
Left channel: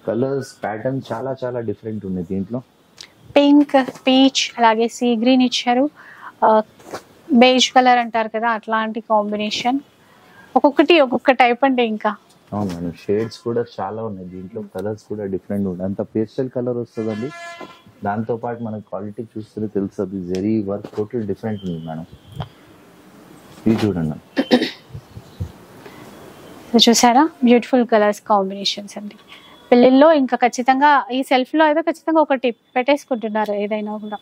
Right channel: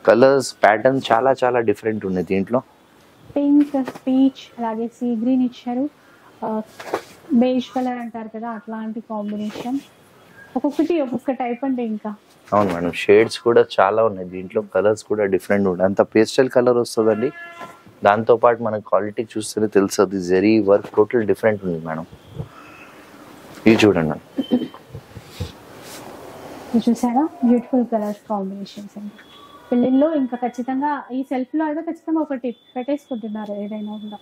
కలర్స్ ప్యాటర్న్ చాలా డిఫరెంట్ ఉన్నాయి. దీంట్లో పింక్, పీచ్, అలాగే సీ గ్రీన్ ఇచ్చారు. బేజ్ కలర్ అంటారు కదా, అట్లాంటి కాంబినేషన్. ఒక్కొక్క టైప్ అంటే ఇంకా అవును మేడం, షేడ్స్ కూడా చాలా ఉన్నాయి. దీంట్లో కలర్స్ కూడా డిఫరెంట్ ఉంటాయి. అంత పేస్టల్ కలర్ వస్తుందండి. దాంతో పాటు మనకి క్వాలిటీ చూస్తేనే తెలుస్తుంది. జరీ వర్క్ టోటల్ డిఫరెంట్ ఉంది మేడం. ఇది చూడండి మేడం, చూసారా, బ్యూటిఫుల్ కలర్స్ కాంబినేషన్స్ అండి. పెళ్ళిళ్ళలో ఇంకా ఖచ్చితంగా ఈ సెల్ఫ్ లో అయితే ఖచ్చితంగా ఒకటి పెట్టేసుకుంటున్నారు. ఏదైనా కూడా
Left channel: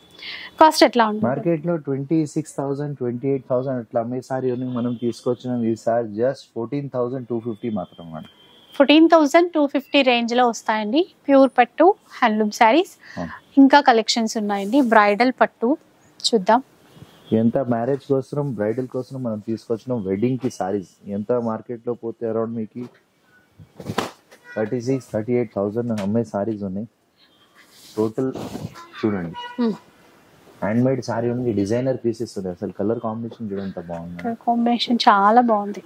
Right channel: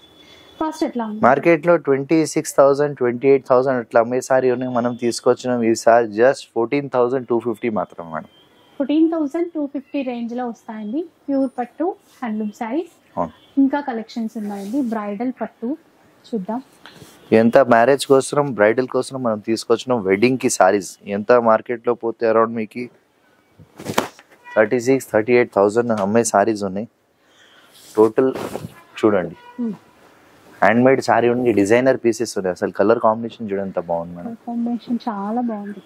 కాస్ట్ ఎట్లా ఉంటుంది? మార్కెట్ లో 26,000 28,000 అట్లా అమ్మే సారీ ఉన్నాయి. మనం తీసుకొచ్చినాం ఈసారి జస్ట్ 14,250 మాత్రం మేడం. 14,250 రేంజ్ లో వస్తాయండి ప్యూర్ పట్టు హ్యాండ్లూమ్ శారీస్. ఇంకా కలెక్షన్స్ ఉన్నాయండి. బ్రైడల్ పట్టు చూద్దాం. ఎంత మ్యారేజ్ కోసం, బ్రైడల్ కోసం మనం తీసుకొచ్చినాం. వెడ్డింగ్ కి సారీస్ ఎంత మార్కెట్ లో పోతే అరౌండ్ మీకు 36,000-38,000 అమ్మే సారీస్ ఉన్నాయి. టోటల్ చూడండి, హ్యాండ్ మేడ్ సారీ ఉంది, డిజైనర్ పీసెస్ ఉన్నాయి. అసలు కలర్ కాంబినేషన్ చూడండి ఎంత బాగుంది. కాంబినేషన్ చాలా బాగుంది.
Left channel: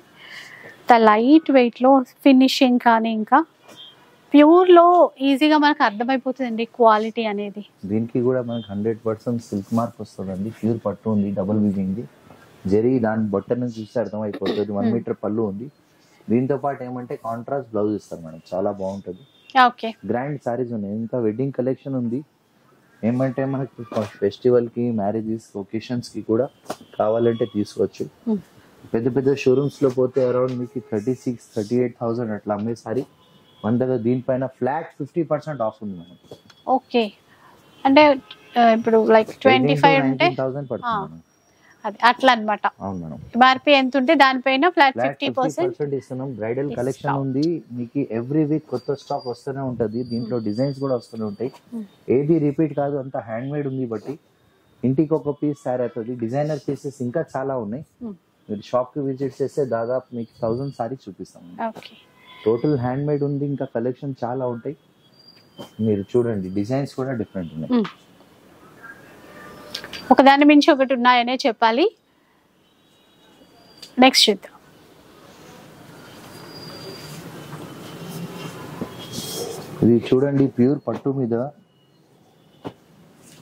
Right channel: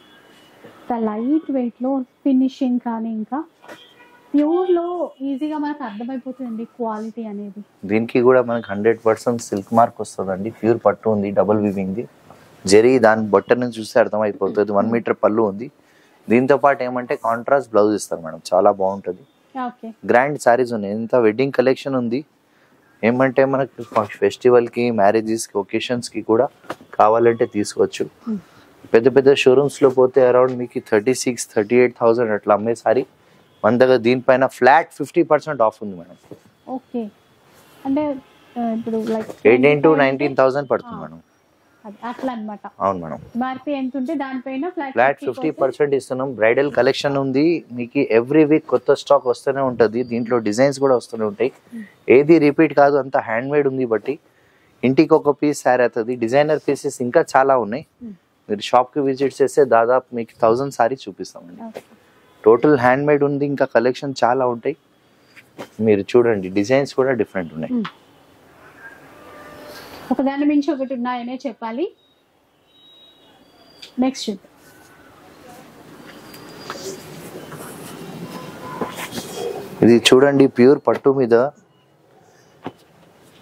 లైట్ వెయిట్ లో ఫినిషింగ్ కానీ ఇంకా ప్యూర్ లో ఈజీగా మనకు అర్థమైపోతుందండి క్వాలిటీ అనేది. దీనికి కూడా మనకి 100% సిల్క్ మార్క్ వస్తుందండి. ప్యూర్ పట్టు ఉంది, డబుల్ వీవింగ్. జరీ దాని బొట్ట నుంచి చూస్తే అర్థమైపోతుంది. 1 మీటర్ పళ్ళు ఉంది. దీంతో పాటు ఏమంటే కాంట్రాస్ట్ బ్లౌజ్ ఇస్తారు మేడం, చాలా బాగుంటుంది. గ్రాండ్ సారీస్ ఉన్నాయి. ఎంత వెడ్డింగ్ కలెక్షన్ ఉంది. ఏమంటే మనకి ఫెస్టివల్ కి, మ్యారేజెస్ కి, ఒకేషన్స్ కి కూడా కావాలంటే తీసుకోవచ్చు. పెద్ద షోరూమ్స్ లో పోతే అరౌండ్ మీకు 36,000-38,000 అట్లా అమ్మే సారీ మన దగ్గర దీనిపైన ఫ్లాట్ 50% ఆఫ్ ఉంది మేడం. ఓకే, అంటే ఇప్పుడు లైక్ 18,000-19,000 పడుతుంది మేడం. అట్లా అన్నమాట. అవును మేడం, ఎంఆర్పి ఎంత ఉంటే దానిపైన ఫ్లాట్ 50% ఇస్తున్నాం. బ్రైడల్ కలెక్షన్ ఉంది మీకు. ఎవ్రీ వీక్ కొత్త స్టాక్ వస్తూనే ఉంటుంది. దీంట్లో డిజైన్స్ కూడా వస్తూనే ఉంటాయి. ఏది రిపీట్ కాదు, అంత హ్యాండ్ మేడ్ ఉంది. బట్టి ఇంటికి ఒక పీస్ సారీ అవుతుంది. డిజైనర్ పీసెస్ ఇంకా చాలా ఉన్నాయి. మీరు షాప్ కి విజిట్ చేస్తే దాదాపు మీకు 1000 సారీ చూపిస్తామండి. టోటల్ హ్యాండ్ మేడ్ ఉంది. ఇంకా కలెక్షన్ చాలా ఉంటాయి. మీరు చూడండి, డిజైన్స్ కూడా డిఫరెంట్ ఉన్నాయి. ఒకదాని మించి ఒకటి ఉన్నాయనే చెప్పాలి. నెక్స్ట్ చూద్దాం. ఇది చూడండి, ప్యూర్ పట్టు మీద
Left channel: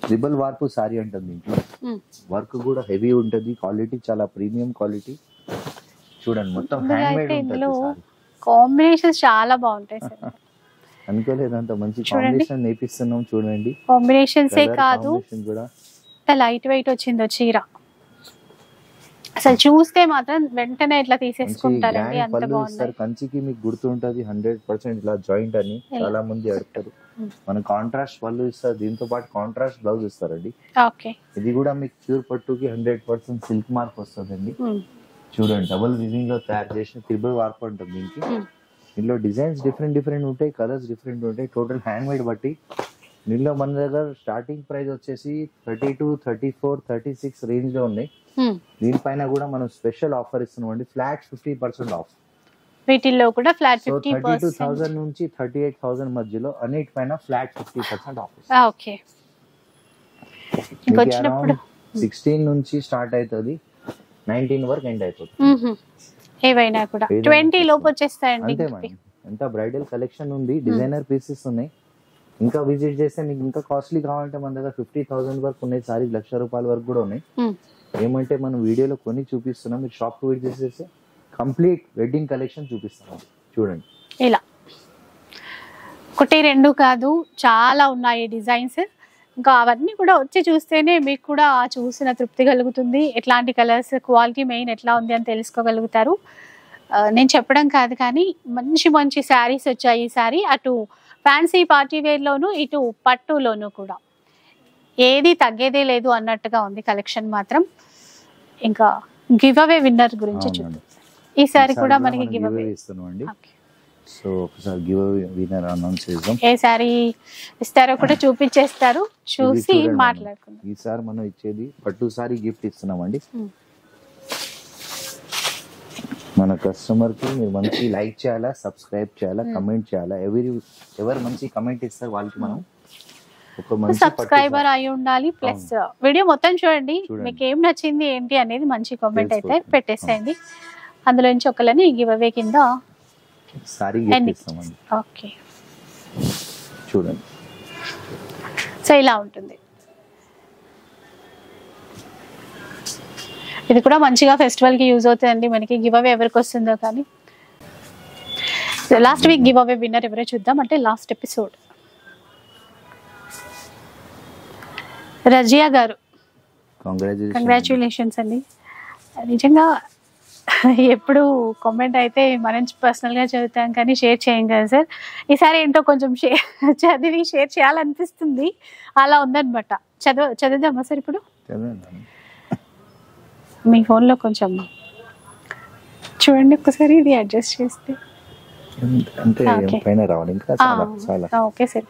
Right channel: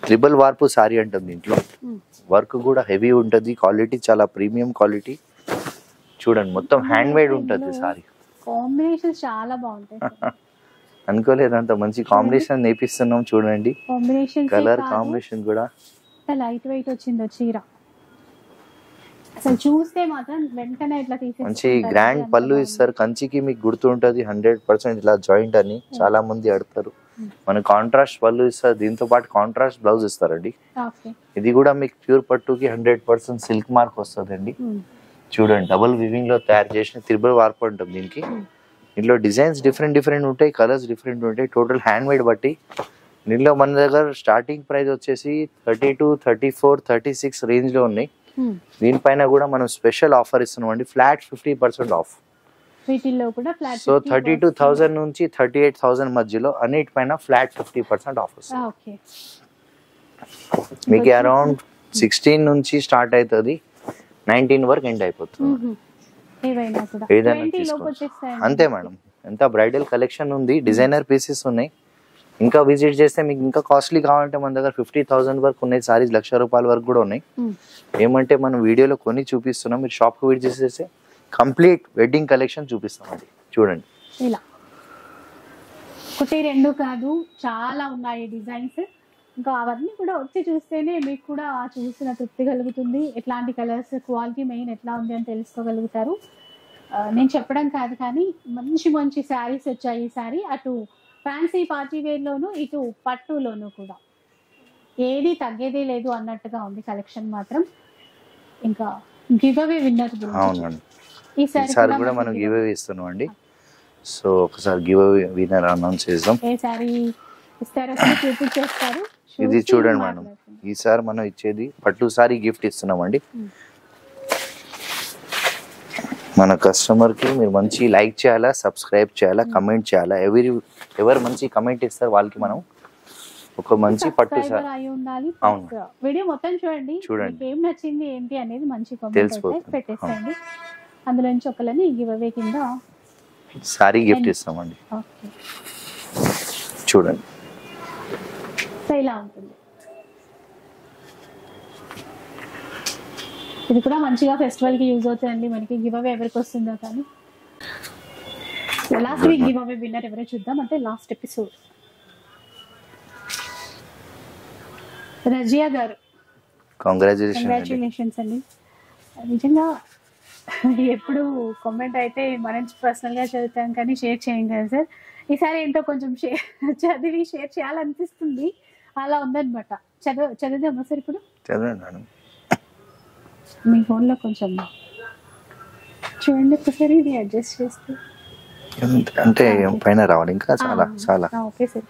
ట్రిబుల్ వార్పు సారీ అంటుంది. దీంట్లో వర్క్ కూడా హెవీ ఉంటుంది. క్వాలిటీ చాలా ప్రీమియం క్వాలిటీ. చూడండి, మొత్తం హ్యాండ్ మేడ్ ఉంటుంది సారీ. కాంబినేషన్స్ చాలా బాగుంటాయి. అనుకోలేదు అంత మంచి కాంబినేషన్ నేర్పిస్తున్నాం. చూడండి, కాంబినేషన్ కూడా లైట్ వెయిట్ వచ్చిందో చీర. అసలు చూస్తే మాత్రం వెంటనే ఇట్లా తీసేసుకుంటారు. గ్రాండ్ పళ్ళు ఇస్తారు. కంచికి మీకు గుర్తుంటది 100% ఇలా జాయింట్ అని చాలా మంది అడుగుతారు. మన కాంట్రాస్ట్ పళ్ళు ఇస్తారు. దీంతో పాటు కాంట్రాస్ట్ బ్లౌజ్ ఇస్తారండి. ఇది కూడా మీకు ప్యూర్ పట్టుకి 100% సిల్క్ మార్క్ వస్తుందండి. చూడండి, డబుల్ వివింగ్ లో తయారు చేసిన త్రిబుల్ వార్పు ఉంటుంది దీనికి. ఇందులో డిజైన్స్ డిఫరెంట్ ఉంటాయి, కలర్స్ డిఫరెంట్ ఉంటాయి. టోటల్ హ్యాండ్ మేడ్ బట్టి దీనిలో మన దగ్గర స్టార్టింగ్ ప్రైస్ వచ్చేసి 32, 34, 36 రేంజ్ లో ఉన్నాయి. దీనిపైన కూడా మనం స్పెషల్ ఆఫర్ ఇస్తున్నాం అండి, ఫ్లాట్ 50% ఆఫ్. వీటిల్లో కూడా ఫ్లాట్. సో 32,000 నుంచి 38,000 మధ్యలో అన్నిటిపైన ఫ్లాట్ 50% ఆఫ్. ఓకే, మీకు అరౌండ్ 16 నుంచి స్టార్ట్ అవుతుంది. 19 వరకు ఎండ్ అయిపోతుంది. ఏవైనా కూడా ఏదైనా 20 లోపు తీసుకోండి. వచ్చేస్తాయండి. అంతే మేడం, ఎంత బ్రైడల్ కలెక్షన్ ఉంది, డిజైనర్ పీసెస్ ఉన్నాయి. ఇంకా విజిట్ చేస్తే మీకు ఇంకా కాస్ట్లీ కావాలంటే మన దగ్గర 50,000 వరకు ఉన్నాయి సారీస్, ₹1,00,000 వరకు కూడా ఉన్నాయి. ఏమంటే మనం వీడియోలో కొని చూపిస్తున్నాం, మీరు షాప్కి విజిట్ చేసేస్తే కంప్లీట్ వెడ్డింగ్ కలెక్షన్ చూపిస్తాం. అది చూడండి, ఇలా 1 2 కాదు, చాలా ఉన్నాయి డిజైన్స్. ఇంకా అవన్నీ కూడా వచ్చి చూస్తేనే మీకు కూడా చూసిన తృప్తి కలుగుతుంది. ఎట్లాంటి కలర్స్, క్వాలిటీ మెయిన్ ఎట్లా ఉంది అని తెలుసుకోగలుగుతారు. నేను చెప్పడం కాదు కానీ మంచి మంచి శారీస్ వచ్చాయి ఈసారి. అటు ఫ్యాన్సీ పార్టీ వేర్లోను, ఇటు పట్టులోను కూడా ఏది తగ్గేదే లేదు అన్నట్టుగా ఉంది కలెక్షన్ మాత్రం. ఇంకా గివ్ అవే విన్నర్ గురించి ఈసారి కూడా మనం గివ్ అవే ఇస్తున్నాం అండి. సో ఒకసారి గివ్ అవే విన్నర్ అనౌన్స్ చేద్దాం. ఏ సారీ ఇస్తారో కూడా చూపించేస్తారు, ఇది చూసి చూడండి. మాట్లాడుకుందాం. ఈసారి మనం ఇచ్చేది పట్టు సారీ గిఫ్ట్ ఇస్తున్నాం అండి. మన కస్టమర్ కి మీరు మంచి లైక్ చేయాలా, సబ్స్క్రైబ్ చేయాలా, కమెంట్ చేయాలా. ఎవరు మంచి కమెంట్ ఇస్తారు వాళ్ళకి మనం ఒక మంచి పట్టు సబ్స్క్రైబర్ అయి ఉండాలి. ప్లస్ వీడియో మొత్తం చూడండి, మీకు ఏం నచ్చింది ఏంటి అనేది మంచి కామెంట్ అయితే పెట్టేసేయండి. అందులో నుంచి ఒకళ్ళని గివ్ అవే కింద సారీ గిఫ్ట్ ఇస్తామండి. ఓకే, చూడండి. సో ఇలా ఉంటుంది. ఇది కూడా మంచిగా ఫెస్టివల్ కి యూజ్ అవుతుందండి మనకి. గివ్ అవే ఎవరికి వస్తుందో కానీ. Last week give away winner ఎవరో చూద్దాం. అంటే లాస్ట్ ఎపిసోడ్ రజియా గారు, కంగ్రాచులేషన్స్ అండి. నిజంగా ఎప్పుడు కామెంట్ అయితే మనం పర్సనల్గా చదువుతాం కానీ షేర్ చేయం కదా సార్. ఈసారి ఏంటో కొంచెం చదివి షేర్ చేయాలనిపిస్తుంది, అలా ఉందన్నమాట. చదువుదామా సార్ ఇప్పుడు? చదవండి. మీ ఫోన్లో కొంచెం చూడండి ఒకసారి, ఇది అడ్జస్ట్ చేస్తే అంటే పైన రావాలి. ఇంకా చాలా ఓకే సార్.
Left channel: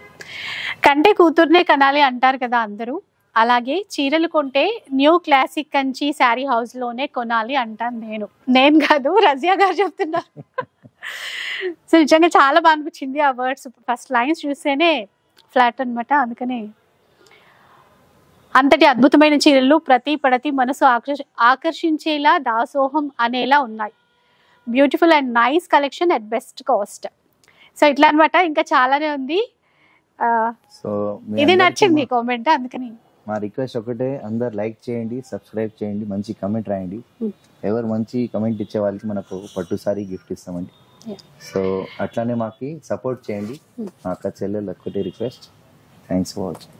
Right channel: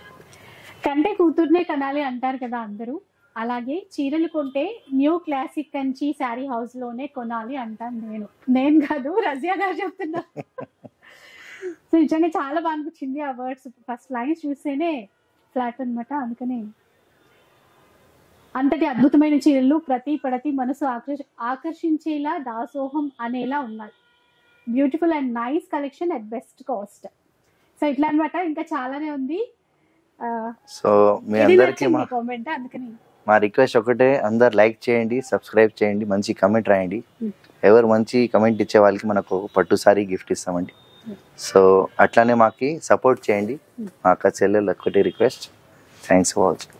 కంటే కూతుర్నే కనాలి అంటారు కదా అందరూ, అలాగే చీరలు కొంటే new classic Kanchi sari house లోనే కొనాలి అంటాను నేను కాదు, రజియా గారు చెప్తున్నారు. సో నిజంగా చాలా బాగా అనిపించింది ఆ వర్డ్స్. ఫస్ట్ లైన్స్ చూస్తేనే ఫ్లాట్ అనమాట. అందుకని అంతటి అద్భుతమైన చీరలు ప్రతి పడతి మనసు ఆకర్షించేలా, దాసోహం అనేలా ఉన్నాయి. Beautiful and nice collection at best cost. So ఇట్లా అనమాట, ఇంకా చాలానే ఉంది. సో ఇది నచ్చింది కామెంట్, అందుకని మా రిక్వెస్ట్ ఒకటే, అందరు లైక్ చేయండి, సబ్స్క్రైబ్ చేయండి, మంచి కమెంట్ రాయండి. ఎవరు మంచి కమెంట్ ఇచ్చే వాళ్ళకి మనకు పట్టు సారీ గిఫ్ట్ ఇస్తామండి. సో అట్లానే మాకి సపోర్ట్ చేయండి. మా అక్క చెల్లెలు ఒకటి request. Thanks for watching.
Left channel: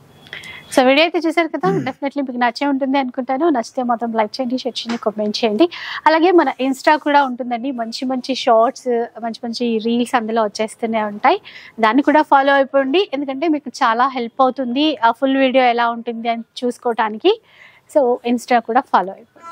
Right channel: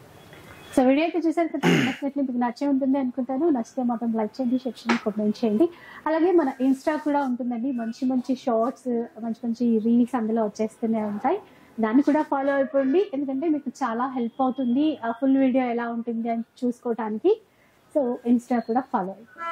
So video అయితే చూసారు కదా, డెఫినెట్లీ మీకు నచ్చే ఉంటుంది అనుకుంటాను. నచ్చితే మాత్రం లైక్ చేయండి, షేర్ చేయండి, కామెంట్ చేయండి. అలాగే మన ఇన్స్టా కూడా ఉంటుందండి, మంచి మంచి షార్ట్స్, మంచి మంచి రీల్స్ అందులో వచ్చేస్తూనే ఉంటాయి. దాన్ని కూడా ఫాలో అయిపోండి, ఎందుకంటే మీకు చాలా హెల్ప్ అవుతుంది ఆ ఫుల్ వీడియో ఎలా ఉంటుంది అని చూసుకోవడానికి. సో ఇన్స్టా కూడా ఫాలో అయిపోండి.